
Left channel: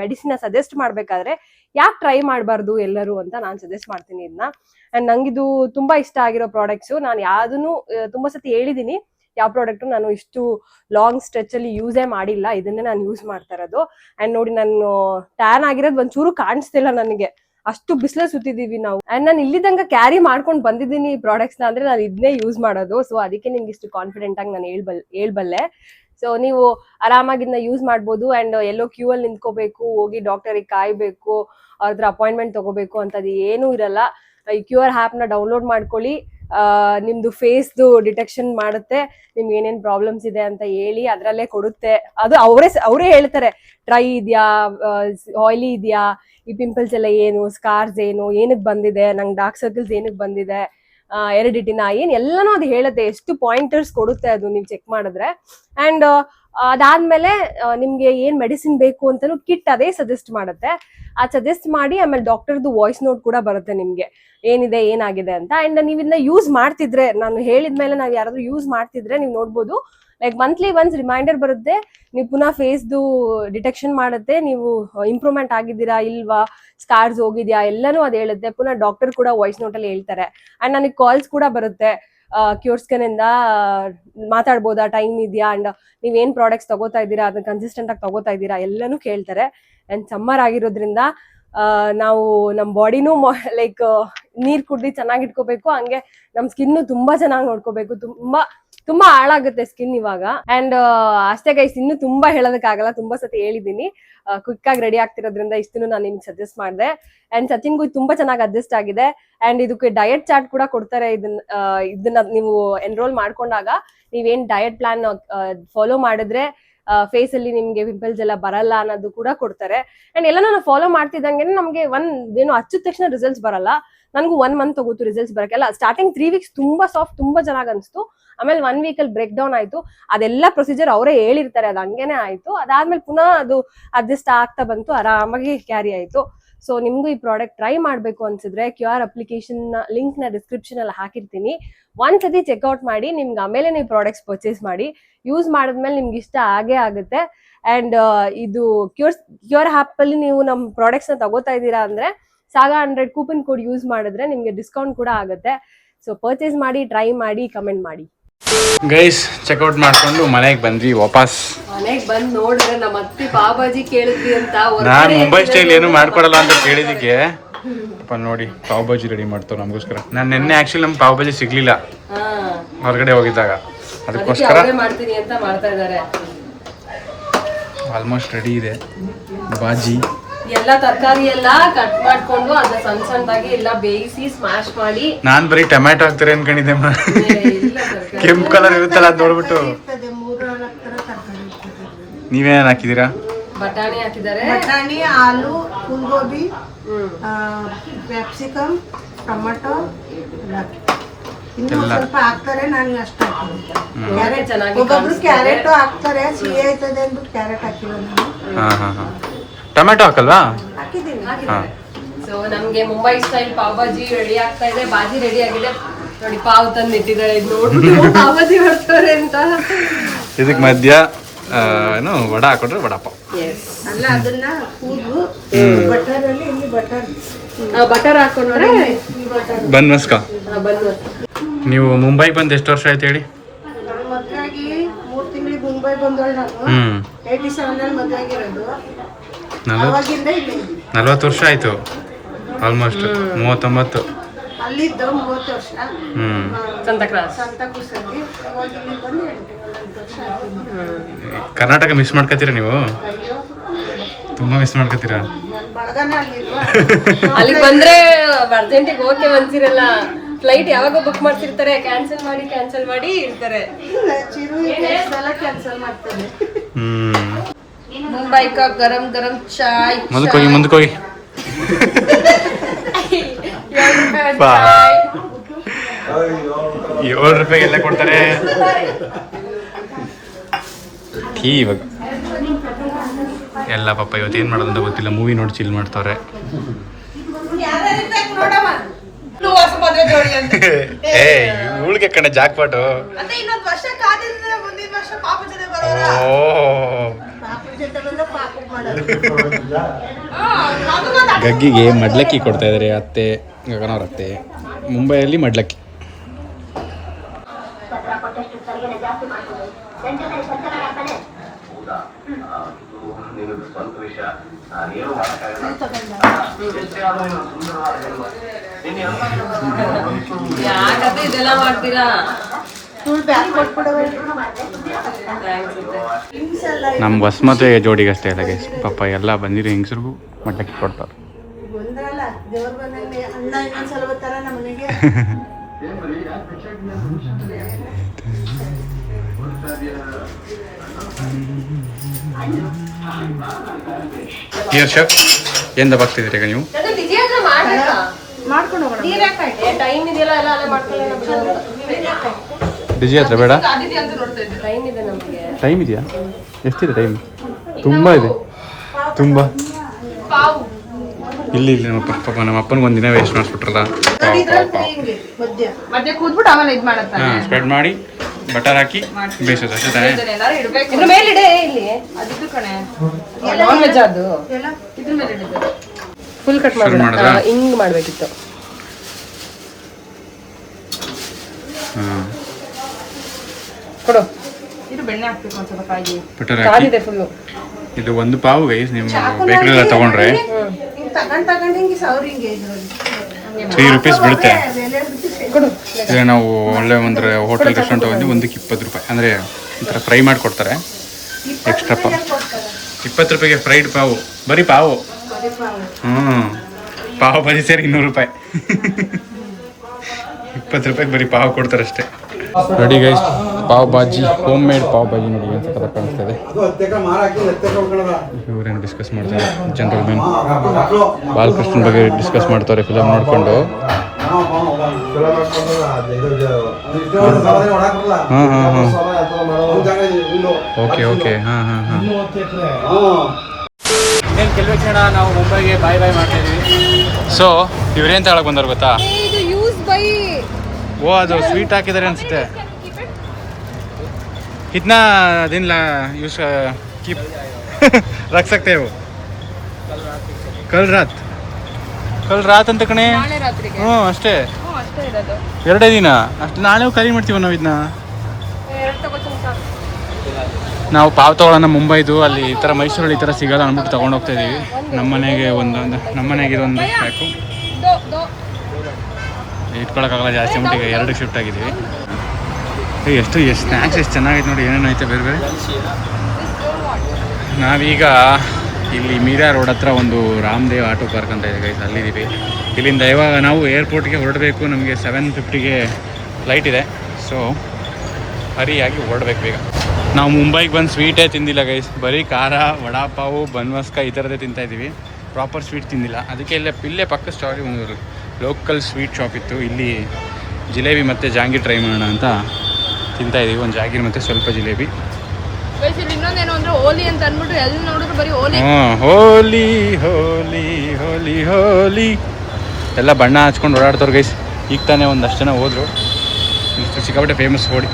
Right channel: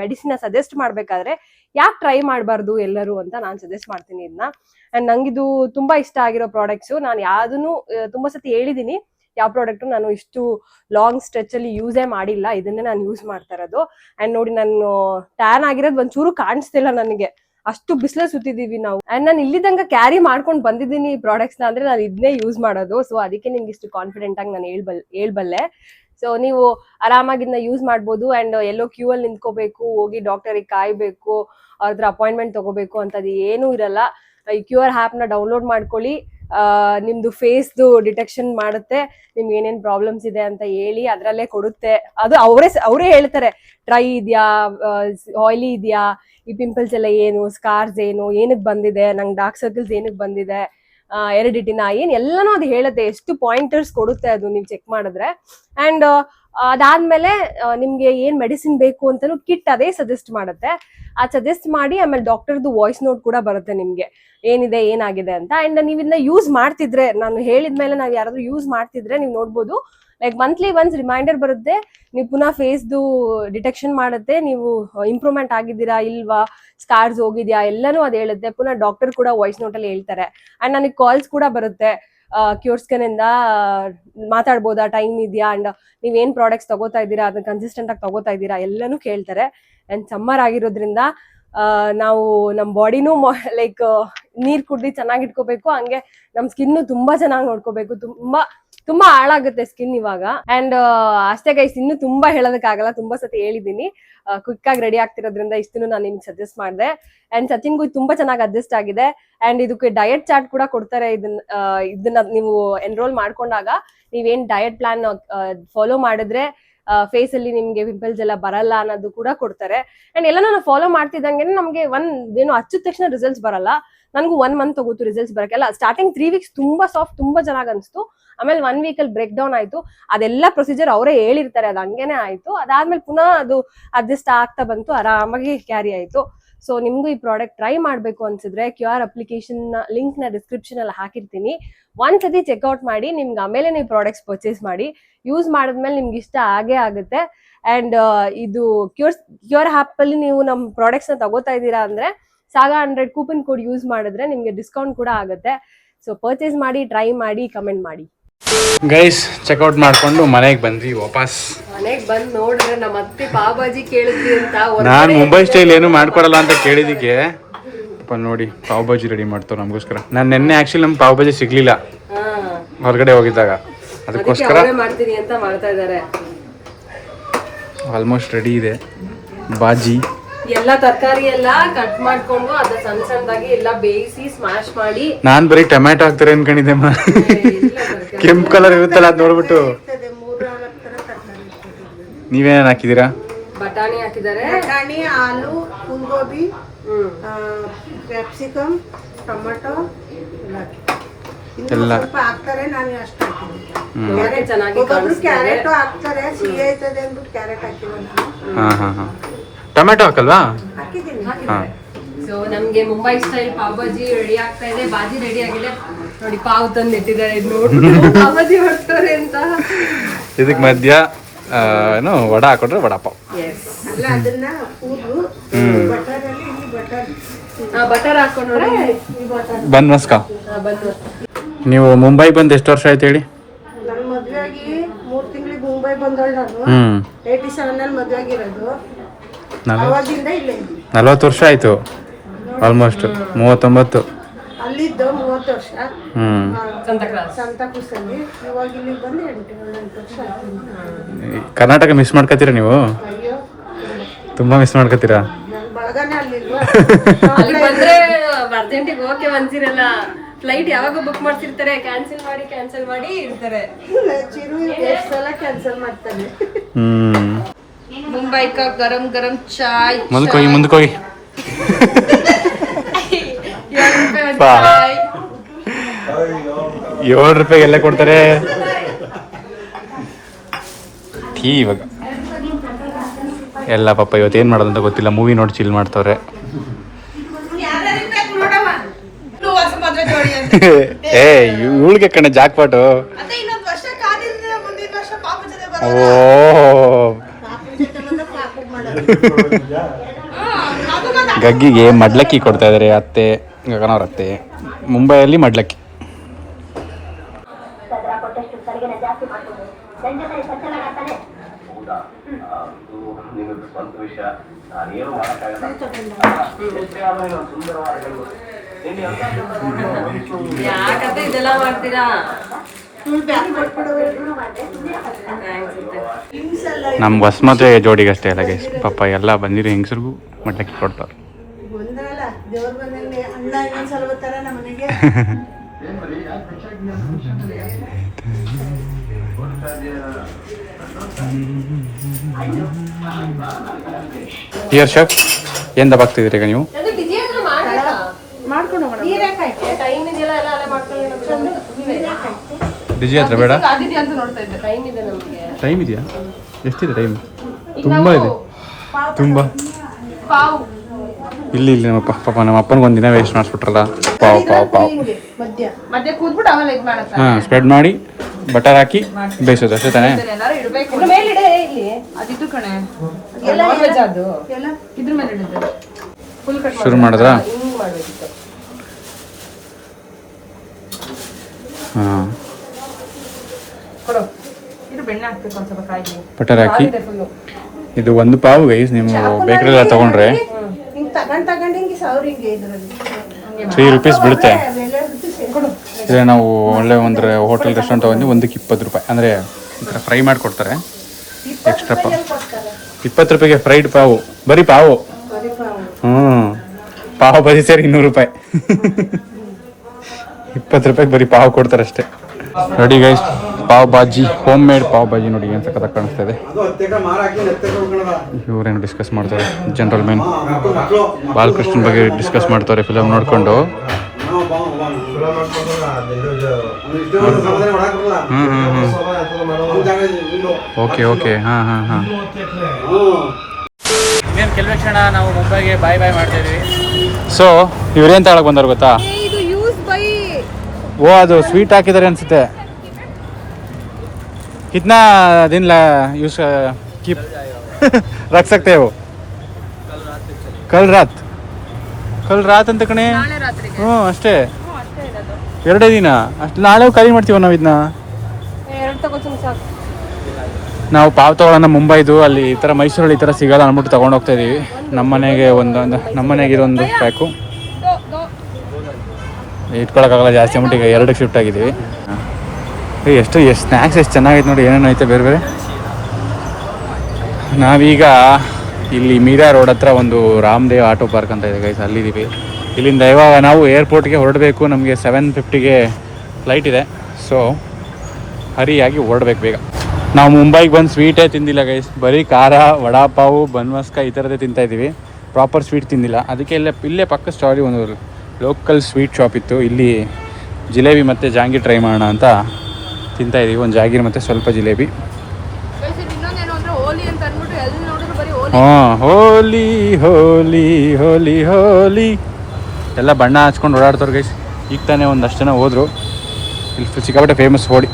ಮೆಡಿಸಿನ್ ಸಜೆಸ್ಟ್ ಮಾಡ್ಬೇಕಾದ್ರೆ ಯಾಕೆ ಟ್ರೈ ಮಾಡಬಾರ್ದು ಎಲ್ಲರೂ ಅಂತ ನಾನು ಸಜೆಸ್ಟ್ ಮಾಡ್ತೀನಿ ಇದನ್ನ. ಅಂಡ್ ನಂಗಿದು ತುಂಬಾ ಇಷ್ಟ ಆಗಿರೋ ಪ್ರಾಡಕ್ಟ್ಸ್. ನಾನು ಯಾವ್ದನ್ನು ತುಂಬಾ ಸತಿ ಹೇಳಿದೀನಿ, ಯಾವ ಪ್ರಾಡಕ್ಟ್ ನಾನು ಇಷ್ಟು ಲಾಂಗ್ ಸ್ಟ್ರೆಚ್ ಅಲ್ಲಿ ಯೂಸೇ ಮಾಡಿಲ್ಲ, ಇದನ್ನೇ ನಾನು ಯೂಸ್ ಮಾಡ್ತಾ ಇರೋದು. ಅಂಡ್ ನೋಡಿ, ನಾನು ಟ್ಯಾನ್ ಆಗಿರೋದು ಒಂಚೂರು ಕಾಣಿಸ್ತಿಲ್ಲ ನನಗೆ, ಅಷ್ಟು ಬಿಸಿಲು ಸುತ್ತಿದೀವಿ ನಾವು. ಅಂಡ್ ನಾನು ಇಲ್ಲಿದಂಗ ಕ್ಯಾರಿ ಮಾಡ್ಕೊಂಡು ಬಂದಿದ್ದೀನಿ ಈ ಪ್ರಾಡಕ್ಟ್ಸ್ ನ, ಅಂದ್ರೆ ನಾನು ಇದನ್ನೇ ಯೂಸ್ ಮಾಡೋದು. ಸೊ ಅದಕ್ಕೆ ನಿಮ್ಗೆ ಇಷ್ಟು ಕಾನ್ಫಿಡೆಂಟ್ ಆಗಿ ನಾನು ಹೇಳ್ಬಲ್ಲೆ. ಸೊ ನೀವು ಆರಾಮಾಗಿ ಇದನ್ನ ಯೂಸ್ ಮಾಡ್ಬೋದು. ಅಂಡ್ ಎಲ್ಲೋ ಕ್ಯೂ ಅಲ್ಲಿ ನಿಂತ್ಕೋಬೇಕು, ಹೋಗಿ ಡಾಕ್ಟರಿಗೆ ಕಾಯ್ಬೇಕು, ಅವ್ರ ಅಪಾಯಿಂಟ್ಮೆಂಟ್ ತಗೋಬೇಕು ಅಂತದ್ದು ಏನೂ ಇರಲ್ಲ. ಈ ಕ್ಯೂರ್ ಆ್ಯಪ್ ನ ಡೌನ್ಲೋಡ್ ಮಾಡ್ಕೊಳ್ಳಿ. ನಿಮ್ದು ಫೇಸ್ದು ಡಿಟೆಕ್ಷನ್ ಮಾಡುತ್ತೆ, ನಿಮ್ಗೆ ಏನೇನ್ ಪ್ರಾಬ್ಲಮ್ಸ್ ಇದೆ ಅಂತ ಹೇಳಿ ಅದರಲ್ಲೇ ಕೊಡುತ್ತೆ. ಅದು ಅವರೇ ಹೇಳ್ತಾರೆ, ಡ್ರೈ ಇದೆಯಾ, ಆಯಿಲಿ ಇದೆಯಾ, ಈ ಪಿಂಪಲ್ಸ್ ಎಲ್ಲ ಏನು, ಸ್ಕಾರ್ಸ್ ಏನು, ಏನಕ್ಕೆ ಬಂದಿದೆ, ನಂಗೆ ಡಾರ್ಕ್ ಸರ್ಕಲ್ಸ್ ಏನಕ್ಕೆ ಬಂದಿದೆ, ಎರಿಡಿಟಿನ ಎಲ್ಲಾನು ಅದು ಹೇಳುತ್ತೆ. ಎಷ್ಟು ಪಾಯಿಂಟರ್ಸ್ ಕೊಡುತ್ತೆ ಅದು ನೀವು ಚೆಕ್ ಮಾಡಿದ್ರೆ. ಅಂಡ್ ಅದಾದ್ಮೇಲೆ ನಿಮ್ಗೆ ಏನ್ ಮೆಡಿಸಿನ್ ಬೇಕು ಅಂತಾನು ಕಿಟ್ ಅದೇ ಸಜೆಸ್ಟ್ ಮಾಡುತ್ತೆ. ಸಜೆಸ್ಟ್ ಮಾಡಿ ಆಮೇಲೆ ಡಾಕ್ಟರ್ದು ವಾಯ್ಸ್ ನೋಟ್ ಕೂಡ ಬರುತ್ತೆ ನಿಮ್ಗೆ, ಏನಿದೆ ಏನಾಗಿದೆ ಅಂತ. ಅಂಡ್ ನೀವು ಇದನ್ನ ಯೂಸ್ ಮಾಡ್ತಿದ್ರೆ, ನಾನು ಹೇಳಿದ್ಮೇಲೆ ನಾವ್ ಯಾರಾದ್ರೂ ಯೂಸ್ ಮಾಡ್ತಿದ್ರೆ ನೀವು ನೋಡ್ಬೋದು, ಲೈಕ್ ಮಂತ್ಲಿ ಒನ್ಸ್ ರಿಮೈಂಡರ್ ಬರುತ್ತೆ, ನೀವು ಪುನಃ ಫೇಸ್ದು ಡಿಟೆಕ್ಷನ್ ಮಾಡುತ್ತೆ, ನೀವು ಇಂಪ್ರೂವ್ಮೆಂಟ್ ಆಗಿದ್ದೀರಾ ಇಲ್ವಾ, ಸ್ಕಾರ್ಸ್ ಹೋಗಿದ್ಯಾ ಎಲ್ಲಾನು ಅದು ಹೇಳುತ್ತೆ. ಪುನಃ ಡಾಕ್ಟರ್ ಕೂಡ ವಾಯ್ಸ್ ನೋಟ್ ಅಲ್ಲಿ ಹೇಳ್ತಾರೆ. ಅಂಡ್ ನನಗೆ ಕಾಲ್ಸ್ ಕೂಡ ಬರುತ್ತೆ, ಕ್ಯೂರ್ ಸ್ಕಿನ್ ಇಂದ ಮಾತಾಡ್ಬೋದಾ, ಟೈಮ್ ಇದೆಯಾ, ಅಂಡ್ ನೀವೇನ್ ಪ್ರಾಡಕ್ಟ್ಸ್ ತಗೋತಾ ಇದ್ದೀರಾ, ಅದನ್ನ ಕನ್ಸಿಸ್ಟೆಂಟ್ ಆಗಿ ತಗೋತಾ ಇದ್ದೀರಾ ಎಲ್ಲಾನು ಕೇಳ್ತಾರೆ. ಅಂಡ್ ಸಮ್ಮರ್ ಆಗಿರೋದ್ರಿಂದ ನಾವು ನಮ್ ಬಾಡಿನೂ ಲೈಕ್ ನೀರ್ ಕುಡ್ದು ಚೆನ್ನಾಗಿ ಇಟ್ಕೋಬೇಕು, ಹಂಗೆ ನಮ್ ಸ್ಕಿನ್ ತುಂಬಾ ಚೆನ್ನಾಗಿ ನೋಡ್ಕೋಬೇಕು. ತುಂಬಾ ಹಾಳಾಗುತ್ತೆ ಸ್ಕಿನ್ ಇವಾಗ. ಅಂಡ್ ಅಷ್ಟೇ ಗೈಸ್, ಇನ್ನು ತುಂಬಾ ಹೇಳೋದಕ್ಕಾಗಲ್ಲ, ತುಂಬಾ ಸತಿ ಹೇಳಿದೀನಿ. ಕ್ವಿಕ್ ಆಗಿ ರೆಡಿ ಆಗ್ತಿರೋದ್ರಿಂದ ಇಷ್ಟನ್ನು ನಾನು ನಿಮ್ಗೆ ಸಜೆಸ್ಟ್ ಮಾಡಿದೆ. ಅಂಡ್ ಸಚಿನ್ಗೂ ತುಂಬಾ ಚೆನ್ನಾಗಿ ಅಡ್ಜಸ್ಟ್ ಆಗಿದೆ. ಅಂಡ್ ಇದಕ್ಕೆ ಡಯಟ್ ಚಾರ್ಟ್ ಕೂಡ ಕೊಡ್ತಾರೆ. ಇದನ್ನ ನೀವು ಎನ್ರೋಲ್ ಮಾಡ್ಕೊಂಡಾಗ ನೀವೇನ್ ಡಯಟ್ ಪ್ಲಾನ್ ಫಾಲೋ ಮಾಡಿದ್ರೆ ಫೇಸ್ ಅಲ್ಲಿ ನಿಮ್ಗೆ ಪಿಂಪಲ್ಸ್ ಎಲ್ಲ ಬರಲ್ಲ ಅನ್ನೋದು ಕೂಡ ಕೊಡ್ತಾರೆ. ಅಂಡ್ ಎಲ್ಲ ನಾನು ಫಾಲೋ ಮಾಡ್ತಿದ್ದಂಗೆ ನಮ್ಗೆ ಏನು ಹಚ್ಚಿದ ತಕ್ಷಣ ರಿಸಲ್ಟ್ಸ್ ಬರಲ್ಲ. ನನಗೂ 1 ಮಂತ್ ತಗೋತು ರಿಸಲ್ಟ್ಸ್ ಬರಕ್ಕೆಲ್ಲ. ಸ್ಟಾರ್ಟಿಂಗ್ 3 ವೀಕ್ಸ್ ತುಂಬಾ ಸಾಫ್ಟ್, ತುಂಬಾ ಚೆನ್ನಾಗಿ ಅನಿಸ್ತು. ಆಮೇಲೆ 1 ವೀಕ್ ಅಲ್ಲಿ ಬ್ರೇಕ್ ಡೌನ್ ಆಯ್ತು. ಅದೆಲ್ಲ ಪ್ರೊಸೀಜರ್ ಅವರೇ ಹೇಳಿರ್ತಾರೆ, ಅದು ಹಂಗೇನೆ ಆಯ್ತು. ಅದಾದ್ಮೇಲೆ ಪುನಃ ಅದು ಅಡ್ಜಸ್ಟ್ ಆಗ್ತಾ ಬಂತು, ಆರಾಮಾಗಿ ಕ್ಯಾರಿ ಆಯ್ತು. ಸೊ ನಿಮ್ಗೂ ಈ ಪ್ರಾಡಕ್ಟ್ ಟ್ರೈ ಮಾಡ್ಬೇಕು ಅನ್ಸಿದ್ರೆ ಕ್ಯೂಆರ್ ಅಪ್ಲಿಕೇಶನ್ ಲಿಂಕ್ ನ ಡಿಸ್ಕ್ರಿಪ್ಷನ್ ಅಲ್ಲಿ ಹಾಕಿರ್ತೀನಿ. ಒಂದ್ಸತಿ ಚೆಕ್ಔಟ್ ಮಾಡಿ, ನಿಮ್ಗೆ ಆಮೇಲೆ ನೀವು ಪ್ರಾಡಕ್ಟ್ಸ್ ಪರ್ಚೇಸ್ ಮಾಡಿ. ಯೂಸ್ ಮಾಡಿದ್ಮೇಲೆ ನಿಮ್ಗೆ ಇಷ್ಟ ಆಗೇ ಆಗುತ್ತೆ. ಅಂಡ್ ಇದು ಕ್ಯೂರ್ ಆ್ಯಪ್ ಅಲ್ಲಿ ನೀವು ನಮ್ಮ ಪ್ರಾಡಕ್ಟ್ಸ್ ನ ತಗೋತಾ ಇದ್ದೀರಾ ಅಂದ್ರೆ ಸಾಗಾ 100 ಕೂಪನ್ ಕೋಡ್ ಯೂಸ್ ಮಾಡಿದ್ರೆ ನಿಮ್ಗೆ ಡಿಸ್ಕೌಂಟ್ ಕೂಡ ಆಗುತ್ತೆ. ಸೊ ಪರ್ಚೇಸ್ ಮಾಡಿ, ಟ್ರೈ ಮಾಡಿ, ಕಮೆಂಟ್ ಮಾಡಿ. ಗೈಸ್ ಚೆಕ್ಔಟ್ ಮಾಡ್ಕೊಂಡು ಮನೆಗೆ ಬಂದ್ವಿ ವಾಪಸ್. ಮನೆಗೆ ಬಂದ್ ನೋಡಿದ್ರೆ ನಮ್ಮ ಅತ್ತಿ ಪಾವ್ ಭಾಜಿ ಕೇಳಿದ್ವಿ ಅಂತ ನಾನು ಮುಂಬೈ ಸ್ಟೈಲ್ ಏನು ಮಾಡ್ಕೊಡಲ್ಲ ಅಂತ ಕೇಳಿದಕ್ಕೆ ನೋಡಿ ಪಾವ್ ಭಾಜಿ ರೆಡಿ ಮಾಡ್ತಾವ ನಮಗೋಸ್ಕರ. ನಾನು ನಿನ್ನೆ ಆಕ್ಚುಲಿ ನಮ್ಗೆ ಪಾವ್ ಭಾಜಿ ಸಿಗ್ಲಿಲ್ಲ ಹೊರಗಡೆ ಹೋಗಿದ್ದಾಗ, ಅದಕ್ಕೋಸ್ಕರ ಮಾಡ್ತೀನಿ ಅಂತ ಮಾಡ್ತಾ ಇದ್ದಾರೆ. ಆಲ್ಮೋಸ್ಟ್ ರೆಡಿ ಇದೆ ಬಾಜಿ. ಎಲ್ಲ ತರಕಾರಿ ಎಲ್ಲ ಕಟ್ ಮಾಡ್ಕೊಂಡು ಅದ ಸಣ್ಣ ಸಣ್ಣದಾಗಿ ಎಲ್ಲ ಬೇಯಿಸಿ ಸ್ಮ್ಯಾಶ್ ಮಾಡಿ. ನಾನ್ ಬರೀ ಟೊಮ್ಯಾಟೊ ಹಾಕ್ತಾರೆ ಅನ್ಕೊಂಡಿದ್ದೆ, ಕೆಂಪು ಕಲರ್ ಇರುತ್ತಲ್ಲ ಅದ್ ನೋಡ್ಬಿಟ್ಟು. ನೀವೇನೇನ್ ಹಾಕಿದೀರಾ? ಬಟಾಣಿ ಹಾಕಿದ್ದಾರೆ, ಬಟಾಣಿ, ಆಲೂ, ಫುಲ್ಗೋಬಿ, ಕ್ಯಾಪ್ಸಿಕಮ್, ಟೊಮೆಟೊ ಎಲ್ಲ ಹಾಕ್ತಾರೆ. ನಾನು ಅಷ್ಟು ಹಾಕಿದ್ದೀನಿ. ಒಬ್ಬೊಬ್ರು ಕ್ಯಾರೆಟ್ ಹಾಕ್ತಾರೆ, ಸಿಹಿ ಆಯ್ತದೆ ಅಂದ್ಬಿಟ್ಟು ಕ್ಯಾರೆಟ್ ಹಾಕಿಲ್ಲ ನಾನು. ಟೊಮೆಟೊ ಹಾಕಲ್ವಾ? ಹಾಕಿದ್ದೀನಿ. ಸೊ ನಮ್ಗೆ ಮುಂಬೈ ಸ್ಟೈಲ್ ಪಾವ್ ಭಾಜಿ ರೆಡಿ ಆಗ್ತಾ ಇದೆ. ಬಾಜಿ ರೆಡಿ ಆಗಿದೆ ನೋಡಿ, ಪಾವ್ ತಂದು ಇಟ್ಟಿದ್ದಾರೆ. ಪಾವ್ ಭಾಜಿ ಮಾಡ್ತಾರೆ ಅಂತ. ಇದಕ್ ಮಧ್ಯ ಏನು ವಡ ಹಾಕೊಂಡ್ರೆ ವಡಾ ಪಾವ್. ಅಲ್ಲ, ಅದನ್ನ ಕೂದು ಬಟರಲ್ಲಿ, ಇಲ್ಲಿ ಬಟರ್ ಹಾಕೊಂಡ್ರೆ ಬನ್ ಮಸ್ಕ. ನೀವು ಮುಂಬೈ ಬಂದು ಎಷ್ಟು ವರ್ಷ ಆಯ್ತು ಹೇಳಿ? ನಾನು ಮದುವೆ ಆಗಿ 3 ತಿಂಗಳಿಗೆ ಮುಂಬೈ ಬಂದವಳೆ. ನಾನು 87 ಅಲ್ಲಿ ಮದುವೆ ಆಗಿರೋದು. 40 ವರ್ಷ ಆಯ್ತು, ಆಲ್ಮೋಸ್ಟ್ 39. ಅಲ್ಲಿದ್ದು 30 ವರ್ಷ ಸಂತಕೂಸಲ್ಲಿ. ಇವಾಗ ಇಲ್ಲಿ ಬಂದು 8 ವರ್ಷ ಆಯ್ತು. ಕರ್ನಾಟಕ ಮಿಸ್ ಮಾಡ್ಕೊತೀರಾ ನೀವು? ಅಯ್ಯೋ, ತುಂಬಾ ಮಿಸ್ ಮಾಡ್ಕೊತೀರಾ? ನನ್ನ ಬಳಗನೇ ಅಲ್ಲಿಲ್ವಾ. ಅಲ್ಲಿ ಬಂದ್ರೆ ಅರ್ಜೆಂಟಿಗೆ ಹೋಗಕ್ಕೆ ಬಂದಿರಲ್ಲ. ಫ್ಲೈಟ್ ಯಾವಾಗ ಬುಕ್ ಮಾಡ್ತಿರ್ತಾರೆ, ಕ್ಯಾನ್ಸಲ್ ಮಾಡಿ ಇರ್ತಾರೆ. ಚಿರು ಎಷ್ಟು ಸಲ ಕ್ಯಾನ್ಸಲ್ ಮಾಡ್ತಾನೆ. ಮುಂಬೈ ಕಾ ಗರಂ ಗರಂ ಚಾಯ್. ಮುಂದಕ್ಕೆ ಹೋಗಿ ₹7 ಎಲ್ಲ ಕೊಡ್ತಾರೆ ಟೀ ಇವಾಗ. ಎಲ್ಲ ಪಾಪ ಇವತ್ತು ಏನು ಮಾಡೋದಂತ ಗೊತ್ತಿಲ್ಲ, ಮೂವಿ ನೋಡಿ ಚಿಲ್ ಮಾಡ್ತವ್ರೆ. ಏ ಇವಳಿಗೆ ಕಣೆ ಜಾಕ್ಪಾಟು. ಅದೇ ಇನ್ನೊಂದು ವರ್ಷ ಕಾದಿದ್ರೆ ಮುಂದಿನ ವರ್ಷ ಪಾಪ ಜೊತೆ ಓ ಗಗ್ಗಿಗೆ ಮಡ್ಲಕ್ಕಿ ಕೊಡ್ತಾ ಇದಾರೆ ಅತ್ತೆ, ಗಗನವ್ರ ಅತ್ತೆ. ಮುಂಬೈಯಲ್ಲಿ ಮಡ್ಲಕ್ಕಿ. ಯಾಕಂದ್ರೆ ಇದೆಲ್ಲ ಮಾಡ್ತೀರಾ? ನಮ್ಮ ಹೊಸ್ಮತೆ ಜೋಡಿಗಷ್ಟೇ ಅಲ್ಲ ಗೈಸ್, ಪಾಪ ಎಲ್ಲ ಬಂದಿರೋ ಹೆಂಗಸ್ರಿಗೂ ಮಡ್ಲಕ್ಕಿ ಕೊಡ್ತಾರೆ. ಬಂದ್ರಲ್ಲ ದೇವ್ರ ಬಂದಂಗೆ ಅಣ್ಣ ಇನ್ನೊಂದ್ಸಲ ಬರ್ತಾರ ನಮ್ಮ ಮನೆಗೆ. ಹಿಯರ್ ಶೆಫ್ ಏನು ದಬ್ಬಾಗ್ತಿದ್ದೀರಿ ಈಗ ನೀವು? ಮಾಡ್ಕೊಂಡು ಹೋಗೋಣ. ಡಿಜಿ ಹತ್ರ ಬೇಡ, ಟೈಮ್ ಇದೆಯಾ? ಎಷ್ಟಿದೆ ಟೈಮ್? ತುಂಬ ಇದೆ, ತುಂಬ. ಇಲ್ಲಿ ನಮ್ಮ ಪಾಪ ನಮ್ಮ ಅಪ್ಪನಿಗೆ ಒಂದಿನ ವೇಸ್ಟ್ ಮಾಡಿಸ್ಬಿಟ್ರಲ್ಲ. ಪಾವ್ ಪಾವ್ ಪಾವ್. ಮಧ್ಯೆ ಕೂತ್ಬಿಟ್ಟು ಆಮೇಲೆ ಇದು ಮಾಡತ್ತ. ಹಾಂ, ಸ್ಪ್ರೆಡ್ ಮಾಡಿ ಬಟರ್ ಹಾಕಿ ಬೇಯಿಸೋದು ಅಷ್ಟೇ ತಾನೇ? ಫುಲ್ ಕಟ್ ಶುರು ಮಾಡಿದ್ರಾ? ಹಿಂಗ್ ಮಾಡ್ಬೇಕಿತ್ತು. ಹಾಂ, ಕೊಡು. ಇದು ಬೆಣ್ಣೆ ಹಾಕ್ಬೇಕು ಒಂದ್ ಸ್ವಲ್ಪ ಕಾಯಿ. ಬಟರ್ ಹಾಕಿ. ಕಾದಿದೆ ಫುಲ್ಲು. ಇದು ಒಂದು ಪಾವು ಗೈಸ್, ನೀವು ಬೇಕರಿಲ್ಲ ತಗೊಂಡ್ರೆ ತಗೊಂಡು ಹಿಂಗೆ ಸಾವಿರ ಹಿಂಗೆ ಇದ್ರಲ್ಲಿ ₹3 ಬೀಳುತ್ತೆ. ಇದ್ರೆ ನಾವು ಒಳ್ಳೆ ಒಂದು ಹೋಟೆಲ್ ರೆಸ್ಟೋರೆಂಟ್ ತಗೊಂಡು ಒಂದಕ್ಕೆ ₹20, ಅಂದರೆ ಈ ಥರ ಫ್ರೈ ಮಾಡಿಕೊಡ್ತಾರೆ. ಎಕ್ಸ್ಟ್ರಾ ಪಾವ್ ₹20 ಫ್ರೈಡ್ ಪಾವು, ಬರೀ ಪಾವು. ಹ್ಞೂ, ಪಾವ್ ಬರೀ ಸೇರಿ ₹200. ₹20 ಬರೀ ಪಾವ್ ಕೊಡ್ತಾರೆ ಅಷ್ಟೇ. Ready guys, pav bhaji, home made pav bhaji ನೋಡಿ ಏನು ಸಕ್ಕತ್ತಾಗಿ ಕಾಣಿಸ್ತಾ ಇದೆ. ಇವರೇನು ಡಿಸ್ಕಸ್ ಮಾಡ್ತಾರೆ, ಜನರಲ್ ಮ್ಯಾನ್ ಬಾಲಕೃಷ್ಣನ್ ಬಗ್ಗೆ ಡಿಸ್ಕಸ್ ಮಾಡ್ತಾರೆ ಫಿಲಮ್ ನೋಡಿಕೊಂಡು. ಹಾಂ ಹಾಂ ಹಾಂ, ಓಕೆ ಓಕೆ, ಹಾಂ ಹಾಂ ಹಾಂ. ಇನ್ನೇನು ಕೆಲವೇ ಕ್ಷಣ ನಾವು ಮುಂಬೈಗೆ ಬಾಯ್ ಬಾಯ್ ಮಾಡ್ತಾ ಇದೀವಿ. ಸೊ ಇವ್ರೇನು ತಗೊಳಕ್ ಬಂದಾರ ಗೊತ್ತಾ? ಓ, ಅದು ಸ್ವೀಟ್ ಹಾಕಿದ್ದಾರೆ ಅನ್ಸುತ್ತೆ. इतना दिन ला यूज कीप रख सकते हो? ಕಲ್ ರಾತ್ ಅಂತ ಕಣೆ. ಹ್ಞೂ ಅಷ್ಟೇ, 2 ದಿನ ಅಷ್ಟು. ನಾಳೆ ಖಾಲಿ ಮಾಡ್ತೀವಿ ನಾವು ಇದನ್ನ. ನಾವು ಪಾವ್ ತೊಗೊಳ್ಳೋಣ ಮುಂಬೈದು. ಅಲ್ಲಿ ಈ ಥರ ಮೈಸೂರಲ್ಲಿ ಈ ಥರ ಸಿಗಲ್ಲ ಅಂದ್ಬಿಟ್ಟು ತೊಗೊಂಡು ಹೋಗ್ತಾ ಇದೀವಿ. ನಮ್ಮ ಮನೆಗೆ ಇದೊಂದು ಪ್ಯಾಕು ಇಟ್ಕೊಳಕ್ಕಾಗಲ್ಲ ಜಾಸ್ತಿ ಅಂದ್ಬಿಟ್ಟು ಈಗ 2 ಶಿಫ್ಟ್ ಆಗಿದ್ದೀವಿ. ಎಷ್ಟು ಸ್ನ್ಯಾಕ್ಸ್ ಎಷ್ಟು ಚೆನ್ನಾಗೈತೆ ನೋಡಿ, ಏನೇನು ಐತೆ ಬೇರೆ ಬೇರೆ. ನಾವೀಗ ಇಲ್ಲಿ ಮೀರಾ ರೋಡ್ ಹತ್ರ ಒಂದು ರಾಮದೇವ್ ಆಟೋ ಪಾರ್ಕ್ ಅಂತ ಇದೆ ಗೈಸ್, ಅಲ್ಲಿದ್ದೀವಿ. ಇಲ್ಲಿಂದ ಇವಾಗ ನಾವು ಏರ್ಪೋರ್ಟ್ಗೆ ಹೊರಡಬೇಕು. ನಮಗೆ 7:50ಗೆ ಫ್ಲೈಟ್ ಇದೆ. ಸೊ ಹರಿಯಾಗಿ ಹೊರಡಬೇಕು ಬೇಗ. ನಾವು ಮುಂಬೈಗೆ ಬಂದು ಸ್ವೀಟೇ ತಿಂದಿಲ್ಲ ಗೈಸ್, ಬರೀ ಖಾರ, ವಡಾಪಾವು, ಬನ್ಮಸ್ಕ ಈ ಥರದ್ದೇ ತಿಂತಾಯಿದ್ದೀವಿ. ಪ್ರಾಪರ್ ಸ್ವೀಟ್ ತಿಂದಿಲ್ಲ. ಅದಕ್ಕೆ ಇಲ್ಲೇ ಪಕ್ಕ ಸ್ಟಾಲಿ ಒಂದು ಲೋಕಲ್ ಸ್ವೀಟ್ ಶಾಪ್ ಇತ್ತು. ಇಲ್ಲಿ ಜಿಲೇಬಿ ಮತ್ತು ಜಾಂಗೀರ್ ಟ್ರೈ ಮಾಡೋಣ ಅಂತ ತಿಂತಾಯಿದ್ದೀವಿ. ಒಂದು ಜಾಗೀರ್ ಮತ್ತು ಸ್ವಲ್ಪ ಜಿಲೇಬಿ. ಹಾಂ, ಹೋಲಿ ಹೋಲಿ ಹೋಲಿ ಹೋಲಿ ಎಲ್ಲ ಬಣ್ಣ ಹಚ್ಕೊಂಡು ಓಡಾಡ್ತವ್ರು ಗೈಸ್. ಈಗ ತಾನೇ ಒಂದಷ್ಟು ಜನ ಹೋದರು. ಇಲ್ಲಿ ಸಿಕ್ಕಾಪಟ್ಟೆ ಫೇಮಸ್ ಹೋಳಿ.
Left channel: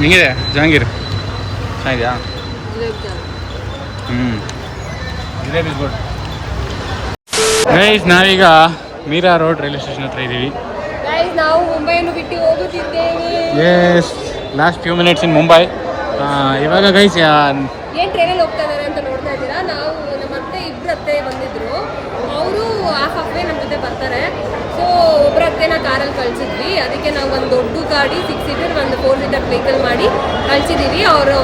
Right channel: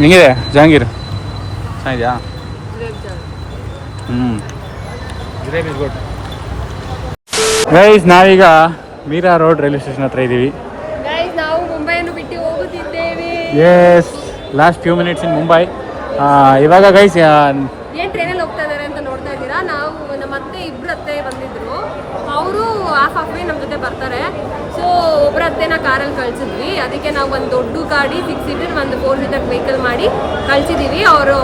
ಹಿಂಗಿದೆ ಜಹಾಂಗೀರ್, ಚೆನ್ನಾಗಿದೆಯಾ? Jalebi is good guys. ನಾವೀಗ ಮೀರಾ ರೋಡ್ ರೈಲ್ವೆ ಸ್ಟೇಷನ್ ಹತ್ರ ಇದ್ದೀವಿ. ನಾವು ಮುಂಬೈಯನ್ನು ಬಿಟ್ಟು ಹೋಗುತ್ತಿದ್ದೇವೆ. Yes, last few minutes in Mumbai. ಇವಾಗ ಗೈಸ್ ಏನ್ ಟ್ರೈನಲ್ಲಿ ಹೋಗ್ತಾ ಇದಾರೆ ಅಂತ ನೋಡ್ತಾ ಇದ್ದೀರಾ. ನಾವು ನಮ್ಮ ಅತ್ತೆ ಇಬ್ರು ಅತ್ತೆ ಬಂದಿದ್ರು, ಅವರು ಹಾಫ್ ವೇ ನಮ್ಮ ಜೊತೆ ಬರ್ತಾರೆ. ಸೊ ಒಬ್ಬರ ಅತ್ತೆನ ಕಾರಲ್ಲಿ ಕಳ್ಸಿದ್ವಿ. ಅದಕ್ಕೆ ನಾವು ಒಂದು ದೊಡ್ಡ ಗಾಡಿ 6 ಸೀಟರ್ ಒಂದು 4 ಸೀಟರ್ ವೆಹಿಕಲ್ ಮಾಡಿ ಕಳ್ಸಿದೀವಿ. ಅವರು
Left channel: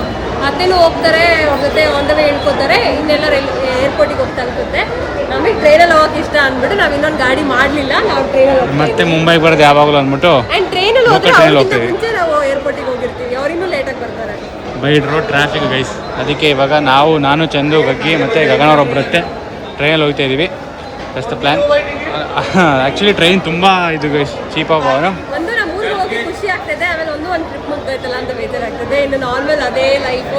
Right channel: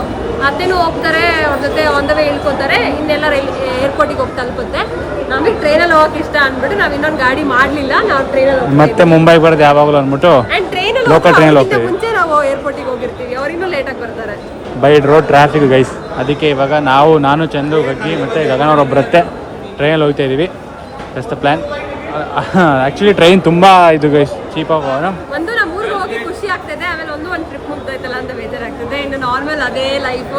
ಅತ್ತೆನೂ ಹೋಗ್ತಾರೆ, ಅವ್ರ ಜೊತೆ ಆನ್ ದ ವೇ ಹೇಳ್ಕೊತಾರೆ. ಇನ್ನೆಲ್ಲ ಏರ್ಪೋರ್ಟಿಗೆ ಹೋಗ್ತಾ ಅನ್ಸುತ್ತೆ. ನಮಗೆ ಟ್ರೈನಲ್ಲಿ ಹೋಗಕ್ಕೆ ಇಷ್ಟ ಅಂದ್ಬಿಟ್ಟು ನಾವು ಇನ್ನೊಂದು ಗಾಡಿ ಮಾಡಲಿಲ್ಲ. ನಾವು ಟ್ರೈನಲ್ಲಿ ಮತ್ತೆ ಮುಂಬೈಗೆ ಬರೋದು ಯಾವಾಗಲೂ ಅಂದ್ಬಿಟ್ಟು ಲೋಕಲ್ ಟ್ರೈನಲ್ಲಿ ಹೋಗ್ತೀವಿ. ಮುಂಚೆ ನಾವು ಏರ್ಪೋರ್ಟಿಗೆ ಹೋಗಿರ್ತೀವಿ, ಅವ್ರು ಇನ್ನೂ ಲೇಟಾಗಿ ಬರ್ತಾರೆ. By road traffic guys. ಅದಕ್ಕೆ ಇವಾಗ ನಾನು ಚಂದು, ಗಗ್ಗಿ ಮತ್ತು ಗಗನವ್ರೊಬ್ಬರತ್ತೆ ಟ್ರೈನಲ್ಲಿ ಹೋಗ್ತಾ ಇದ್ದೀವಿ. That's the plan. Actually train ತುಂಬ ಇದು ಗೈಸ್, ಚೀಪಾಗಿ ಒಂದು ನಮ್ಮ ಊರಿಗೆ ಹೋಗಿ ಖುಷಿ ಆಗ್ತದೆ. ಆಮೇಲೆ ಒಂದು ಟ್ರಿಪ್ ಮುಗ್ದೈತಲ್ಲ ಅಂತ ಬೇಜಾರಾಗ್ತದೆ. ಇನ್ನು ನಾರ್ಮಲ್ ಅದೇ ಲೈಫು,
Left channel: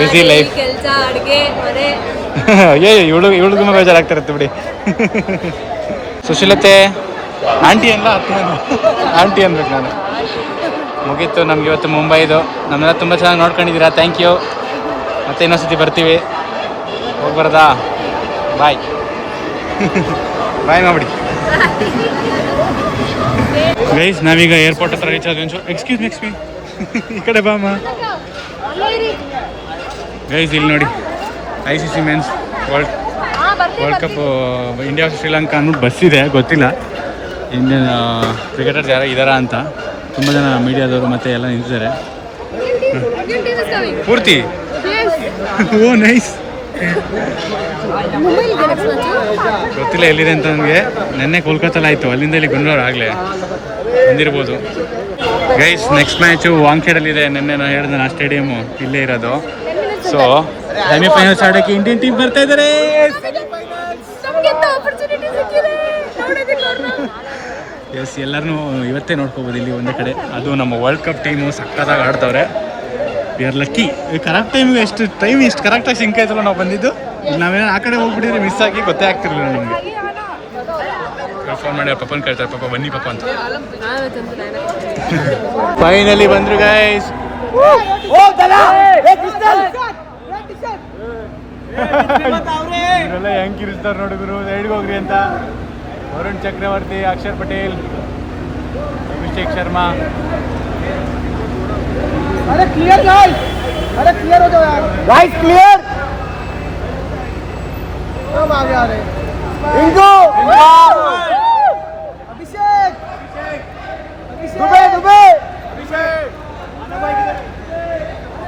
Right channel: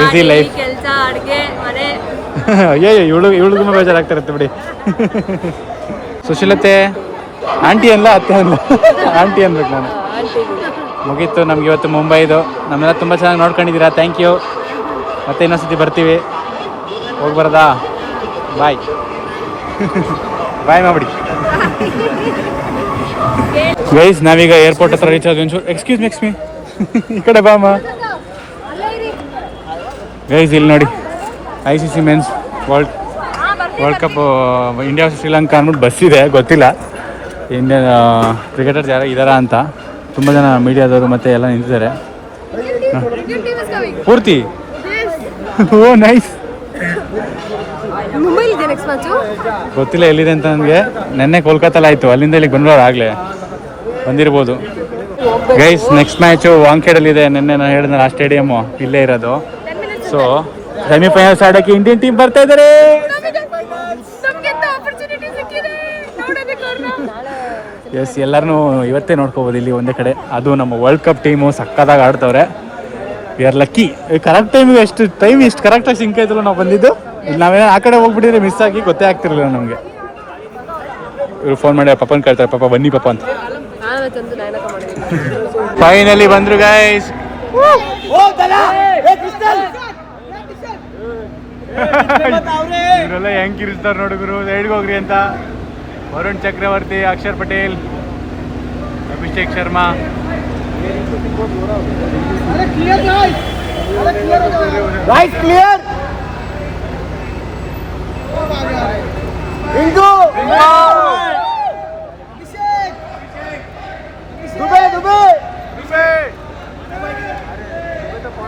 ಬಿಸಿ ಲೈಫ್, ಕೆಲಸ, ಅಡುಗೆ, ಮನೆ. ಇವಳು ತುಂಬ ಬೇಜಾರಾಗ್ತಿರುತ್ತೆ ಬಿಡಿ. ಸುಶೀಲತೆ ಆಂಟಿ ಅಲ್ಲ ಅತ್ತೆ ಅಲ್ಲ ಆಂಟಿ ಅನ್ಬೇಕು ನಾನು. ಮುಗೀತು ನಮ್ಗೆ ಇವತ್ತು ಮುಂಬೈದು. ನಮ್ಮೆಲ್ಲ ತುಂಬ ಚೆನ್ನಾಗಿ ನೋಡ್ಕೊಂಡಿದ್ದೀರಾ, ಥ್ಯಾಂಕ್ ಯು. ಮತ್ತೆ ಇನ್ನೊಂದ್ಸತಿ ಬರ್ತೀವಿ. ಹೋಗಿ ಬರೋದಾ? ಬಾಯ್ ಬಾಯ್ ಮಾಡ್ಬಿಡಿ ಗೈಸ್. ನಾವೀಗ ಏರ್ಪೋರ್ಟ್ ಹತ್ರ ರೀಚ್ ಆದ್ವಿ. ಎಕ್ಸ್ಕ್ಯೂಸ್ ಮಿ ಈ ಕಡೆ ಬಾಮ ಗೈಸ್. ಇಲ್ಲಿ ನೋಡಿ ICC men's world cup India Sri Lanka ಅನ್ನೋದು ಬಸ್ ಇದೆ, ಗೊತ್ತಿಲ್ಲ ಇಂಡಿಯನ್ ಕ್ರಿಕೆಟರ್ಸ್ ಯಾರೋ ಇದ್ದಾರಾ ಅಂತ. ತುಂಬ ಜನ ಮೀಡಿಯಾದವರು ಮತ್ತೆ ಎಲ್ಲ ನಿಂತಿದ್ದಾರೆ ಪೂರ್ತಿ. ಓ ನೈಸ್. ಗೊತ್ತಿಲ್ಲ ಎಲ್ಲಿದೆ ಅಂತ ನನಗೆ. ನೆನ್ನೆ ಕೋಲ್ಕತ್ತಲ್ಲಿ ಆಯಿತು, ಅಲ್ಲಿಂದ ಇಲ್ಲಿ ಬಂದವರು ಆಗಲೇ ಬಂದಿರ್ಬೋದು ಗೈಸ್. Next match ವಾಂಖೇಡಲ್ಲಿದೆ. ನೆನ್ನೆ ನಾನು ಹೇಳಿದ್ರೆ ಆ ಸ್ಟೇಡಿಯಮ್ಮು ಇಲ್ಲೇ ಇರೋದು. ಸೊ ಸೆಮಿಫೈನಲ್ಸ್ ಆಡೋಕ್ಕೆ ಇಂಡಿಯನ್ ಟೀಮ್ ಬರ್ತಾ ಇದ್ದಾರೆ. ಎಸ್, ಎಲ್ಲರನ್ನೂ ಇವತ್ತೇ ನೋಡ್ಕೋಬೋದು ಇಲ್ಲಿ ಒಂದೇ ಕಡೆ. ಅದು ನಮ್ಮ ವರ್ಲ್ಡ್ ಕಪ್ ಟೀಮು ಸಕ್ಕತ್ತಾಗಿ ಆಡ್ತವ್ರೆ. We are lucky. ಕರೆಕ್ಟ್ ಟೈಮಿಗೆ ಇಷ್ಟು ಕರೆಕ್ಟಾಗಿ ಸಿಂಕ್ ಆಯ್ತಲ್ಲ ನಾವು ಬಂದಿದ್ದು. ಇಲ್ಲಿ ನಾವೇನೋ ಆ ಕಡೆ ಹೋಗ್ಬಿಟ್ಟಿದ್ರೆ ಮಿಸ್ ಆಗಿ ಗೊತ್ತೇ ಆಗ್ತಿರಲಿಲ್ಲ ನಮಗೆ. ಫೋನ್ ಮಾಡಿ ಪಪ್ಪನ ಕೇಳ್ತಾರೆ, ಪಾಪ ಬನ್ನಿ ಪಾಪ ಅಂತ. ಫೈನಲಿ ಬಂದ್ರು ಗೈಸ್. ಇವರೆಲ್ಲ ಹೆಂಗ್ ಕಿರಿಸ್ತಾರೆ ನೋಡಿದ್ರು. ಸೈಡ್ಗೆ ಹೋಗ್ರಿ ಅಂತ. ವರುಣ್ ಚಕ್ರವರ್ತಿ, ಅಕ್ಷರ್ ಪಟೇಲ್, ಅಭಿಷೇಕ್ ಶರ್ಮಾ. अरे क्लियर गाइस, अरे क्लियर हो जाओ यार गाइस, क्लियर. कब आ गया रे रिंकू, अभिषेक, दुबे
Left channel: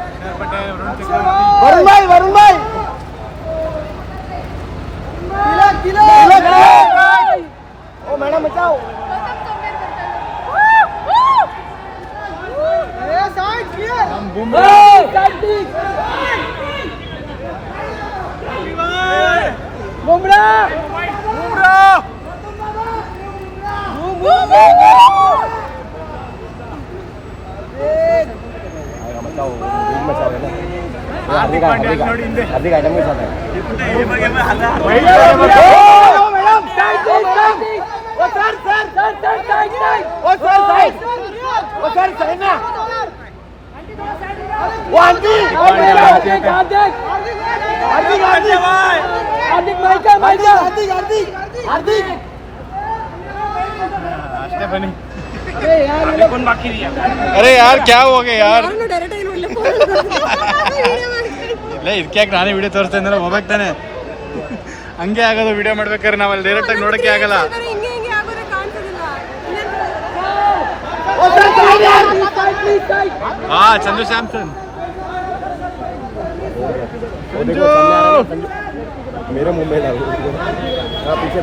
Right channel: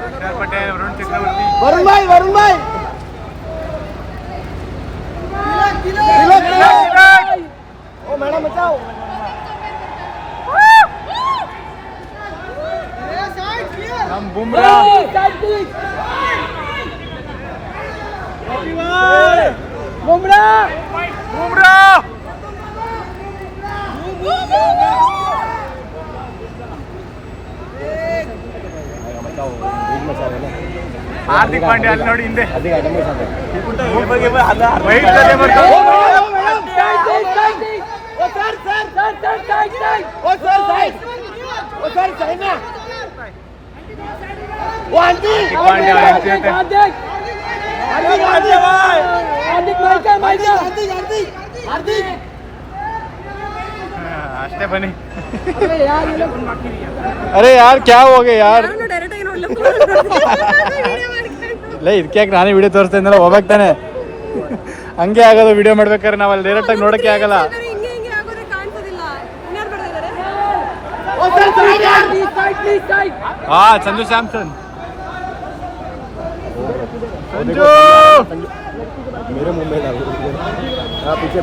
अक्षर पटेल, वरुण चक्रवर्ती, वरुण भाई क्लियर. ओ मैडम बचाओ. हम बुमराह हार्दिक पांड्या ಅಲ್ಲಿ ನೋಡಿ ಹಿಂದೆ हार्दिक आइटम के साथ है. ವೈಟ್ ಜೊತೆ ಬರ್ತಾ मैडम साइड ओ सर साइड ओ सर साइड ना वो आंटी हार्दिक ಅಷ್ಟೇ ಬನ್ನಿ. अरे यार क्या हो गया यार. ಇಲ್ಲ ಇದಕ್ಕೆ ಯಾಕೆ ನಾನೇ ವಿಡಿಯೋ ತೋರಿಸ್ತಾ ಇದ್ದಲ್ಲ, ಹೋಗ್ತಾನೆ ಹಂಗೆ ಆಗೋದು. ವಿಡಿಯೋ ಮಾಡ್ಬೇಕಾದ್ರೆ ನಾವಲ್ಲಿ ಡೈರೆಕ್ಟ್ ಆಗಿ ನೋಡಕ್ಕೆ ಆಗಲ್ಲ. ಹಾ ಸಂಜು ಸ್ಯಾಮ್ಸನ್, संजू मेरे मुंबई का पीछे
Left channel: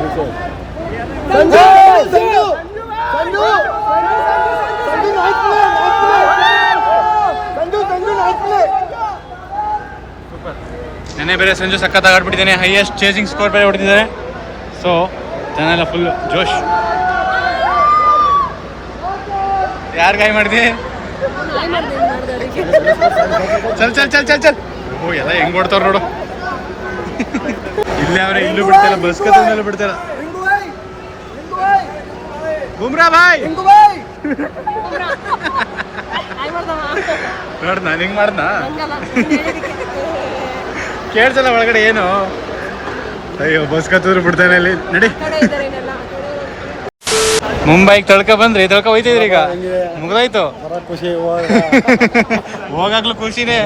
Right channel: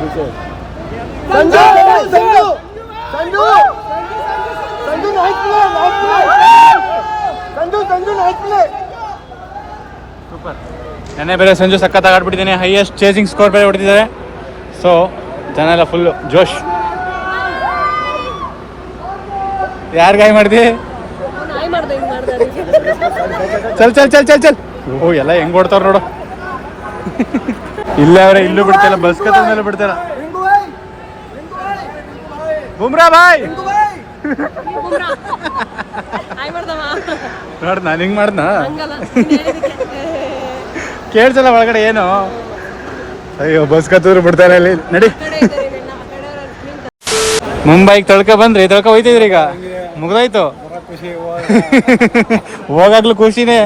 संजू नाइस प्ले. ಸೂಪರ್. ನೆನ್ನೆ ಬೇರೆ ಸಂಜು ಸಖತ್ತಾಗಿ ಆಡ್ಬಿಟ್ಟಿದ್ದಾನೆ. ಹೈಯೆಸ್ಟ್ ಚೇಸಿಂಗ್ ಸ್ಕೋರ್ ಬೇರೆ ಹೊಡಿತಿದ್ದಾನೆ. ಸೊ ಜನ ಎಲ್ಲ ಫುಲ್ ಜೋಶ್. ಯಾರು ಗಾಯ ಮಾಡಿದೆ? ಚಲ್. ಓ ಎಲ್ಲ ಹೆಂಗ್ ಓಡ್ತಾರ ನೋಡು. ಇಲ್ಲೇ ಅವ್ರೆ, ಇಲ್ಲೂ ಬಿಡ್ತಾರ, ಬಸ್ ಕತ್ತ ಮೇಲೆ ಬಿಡ್ತಾರ. ಬುಮ್ರಾ ಬಾಯ್ ನೋಡ್ ನಾನು ಹಿಂಗ್ ಮಾಡ್ದ ಕೇಳ್ಸಲ್ಲ ಒಳಗಡೆ ಏನು. ಅಯ್ಯೋ ಬಸ್ ಕತ್ತೂರು ಬಿಡ್ತಾರೆ ಇಲ್ಲಿ ನಡಿ. ಮುಂಬೈಗೆ ತಳ್ಕ ಬಂದ್ರಿ, ತಳ್ಕ ಹೋಯ್ತಿದ್ರಿ, ಈಗ ಮುಗ್ದೋಯ್ತು. ಹೋಗಾಗ್ಲೂ ಖುಷಿನೇ.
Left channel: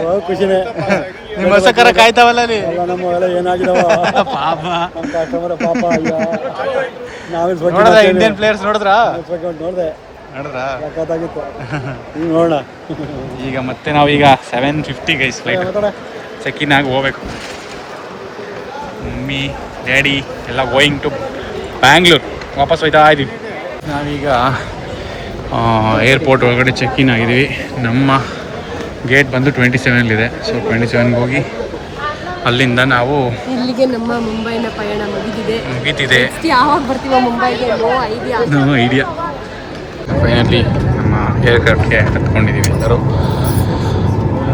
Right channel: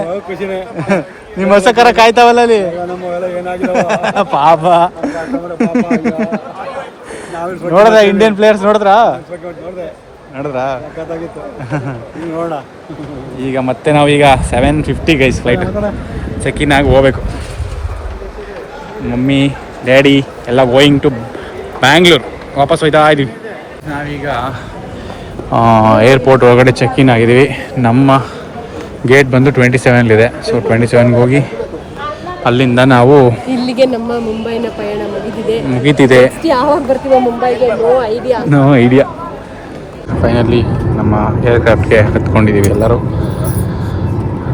ನಿಮ್ಮ ಹೊಸ ಕರ ಕಾಯ್ತಾವಲ್ಲ ಅಲ್ಲಿ. ಪಾಪ ನೋಡ್ರ ಇಂಡಿಯನ್ ಪ್ಲೇಯರ್ಸ್ ನೋಡಿದ್ರಾ? ಈಗ ಮತ್ತೆ ನಾವೀಗ 7:50 ಗೈಸ್ ಫ್ಲೈಟ್ ಚೆಕ್ ಇನ್ ಆಗಿ ಹೋಗ್ಬೇಕು. ಮಮ್ಮಿ ಡ್ಯಾಡಿ ಎಲ್ಲ ಗೋಯಿಂಗ್ ಟು ಬ್ಯಾಂಗ್ಳೂರ್. ವಾಪಸ್ ಹೋಯ್ತಾ ಇದ್ದೀವಿ. ನಾವೀಗ ಏರ್ಪೋರ್ಟ್ ಒಳಗಡೆ ಚೆಕ್ ಇನ್ ಆಗಿದ್ದೀವಿ. ನಮ್ಮ ಗೇಟ್ ಬಂದು 27 ಸೊ 27ಗೆ ಹೋಗಿ ಅಲ್ಲಿಂದ ನಾವು ಇಲ್ಲಿಗೆ ನಮ್ಮ ಮುಂಬೈನ ಪಯಣ ಮುಗಿತಿದೆ. ಯಾವಾಗ ಬರ್ತೀವೋ ಮುಂಬೈಗೆ ನೋ ಐಡಿಯಾ. ಫೈನಲಿ ನಮ್ಮ ಏರ್ಕ್ರಾಫ್ಟ್ಗೆ ಹತ್ಕೊಂಡಿದ್ದೀವಿ ಎಲ್ಲರೂ.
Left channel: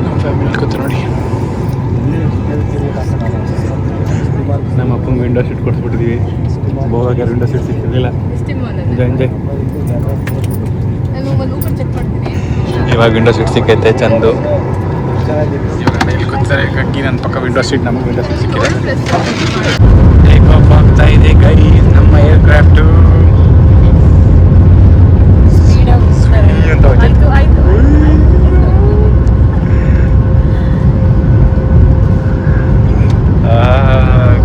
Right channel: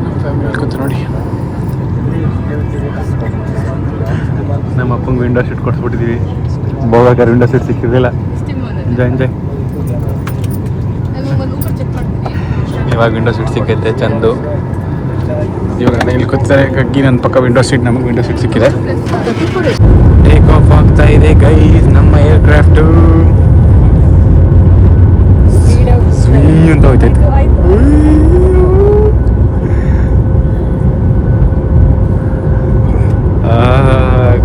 ನಮ್ಮ ಫ್ಯಾಮಿಲಿ ಕೂತು ನೋಡಿ. ನಮ್ಮ ಅಪ್ಪಂಗೆ ವಿಂಡೋ ಸೀಟ್ ಕೊಡಿಸ್ಬಿಟ್ಟಿದ್ದೀವಿ. ಹೋಗಾಕ ವಿಂಡೋ ಸೀಟ್ ಸಿಕ್ಕಿರಲಿಲ್ಲ. Enjoy enjoy. ಚೆಕ್ ಮಾಡ್ತೀನಿ. ಇವಾಗ ವಿಂಡೋ ಸೀಟ್ ಸಿಕ್ಕೈತೆ ಚಂದು. ಇವಾಗ ಇಲ್ಲಿ ಗೊತ್ತಾರೆ ಈಗ ಒಂದು ಪಕ್ಕ ವಿಂಡೋ ಸೀಟ್, ನಮಗೆ ವಿಂಡೋ ಸೀಟ್ ಸಿಕ್ಕಿದೆ. ಟೇಕ್ ಆಫ್ ಆಗ್ತಾ ಇದೆ guys, ನಮ್ಮ ಏರ್ಕ್ರಾಫ್ಟ್. ಆಯ್ತು ಆಯ್ತು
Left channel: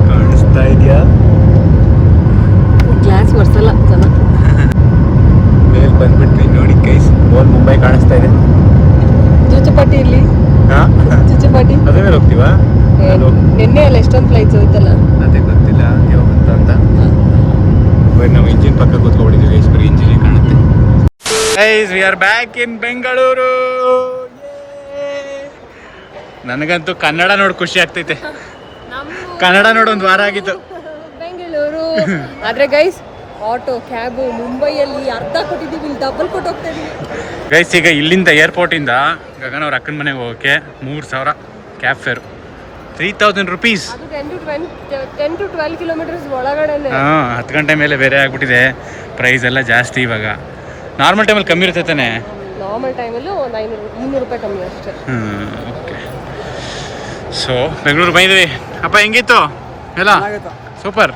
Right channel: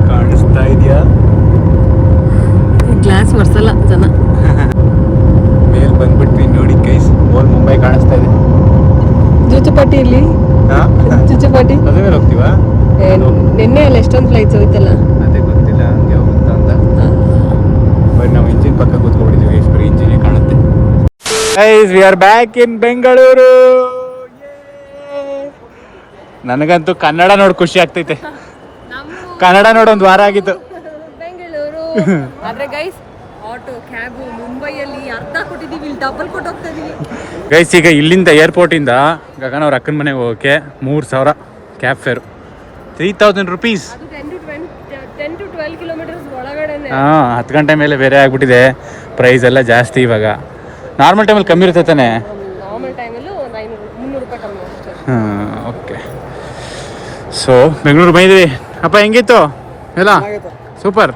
ಕಾಣಿಸ್ತಾ ಇದೆಯಾ? ಗ್ಲಾಸ್ ಬರ್ಸಲ್ಲ ಜನ. ಮೇಲೆ ಬಂದ್ಬಿಟ್ವಿ ನೋಡಿ ಗೈಸ್, ಮುಂಬೈ ಕಾಣಿಸ್ತಾ ಇದೆ. ಚುಚ್ಚುಪಟ್ಟಿ ಇಲ್ಲಿ ಚುಚ್ಚುಪಟ್ಟಿ ಮದುವೆ ಹೋಗ್ತೀವಾ? ನಿನ್ನೆ ಅಲ್ಲಿ ಎಷ್ಟೊಂದು ಫ್ಲೈಟ್ ಸಿಗುತ್ತಲ್ಲ. ಅದೇ ಗೊತ್ತಿಲ್ಲ ಹಂಗೆ ಹೋಗುತ್ತಾ ಅಂತ. ಬಟ್ ನಾವು ಇಂಜಿನ್ ಪಕ್ಕ ಕೂತ್ಕೊಂಡಿದ್ದೀವಿ, ಎಷ್ಟು ಬರೀ ಇಂಜಿನ್ ಕಾಣುತ್ತೆ. Guys we are back in Bengaluru. ನನಗಂತೂ ಕನ್ನಡ ನೋಡಿ ಖುಷಿ ಆಗ್ತೈತೆ. ಕನ್ನಡ ನೋಡಿ ಒಂದು ವಾರ ಆಗಿತ್ತು. ಬೆಂಗಳೂರು ಆದ್ರೆ ಗೈಸ್ ಆಟೋ ಕ್ಯಾಬು ಮುಂಬೈಯಲ್ಲಿ ಅರ್ಧ ಕೊಟ್ಟಿದ್ದೀವಿ, ಇಲ್ಲಿ ಡಬಲ್ ಕೊಟ್ಟು ಹೋಗ್ತಾ ಇದೀವಿ. ಗೈಸ್ ಈಗ ಇಲ್ಲಿಂದ ಏರ್ಪೋರ್ಟಿಂದ ಗಗನ ಅವ್ರ ಅಕ್ಕನ ಮನೆಗೆ ಹೋಗೋಕ್ಕೆ 3000 ಕ್ಯಾಬ್ ಫೇರು, 3000 rupees. ಅದು 10 to 12 ಕಿಲೋಮೀಟರ್ಸ್ ಒಳಗಡೆನೆ. ಹಾಂ, 10 ಗಂಟೆ ಮೇಲೆ ಬೇರೆ ಆಗ್ಬಿಟ್ಟಿದೆ. ಪ್ರೈಸ್ ಎಲ್ಲ ಜಾಸ್ತಿ ಇವಾಗ. ನಾರ್ಮಲ್ ಟೈಮಲ್ಲಿ ಕಮ್ಮಿ ಇರುತ್ತೆ ತಾನೆ? ನಾರ್ಮಲ್ ಟೈಮಲ್ಲೂ 300 ರೂಪಾಯಿ ಕಮ್ಮಿ ಅಷ್ಟೇ. ಹಾಂ, ಓಕೆ. ಸೊ ಬೆಂಗಳೂರು ಬಂದಿದ್ವಿ. ಅಪ್ಪ ಹೆಂಗಿತ್ತು ಎಲ್ಲ? ಸೂಪರ್.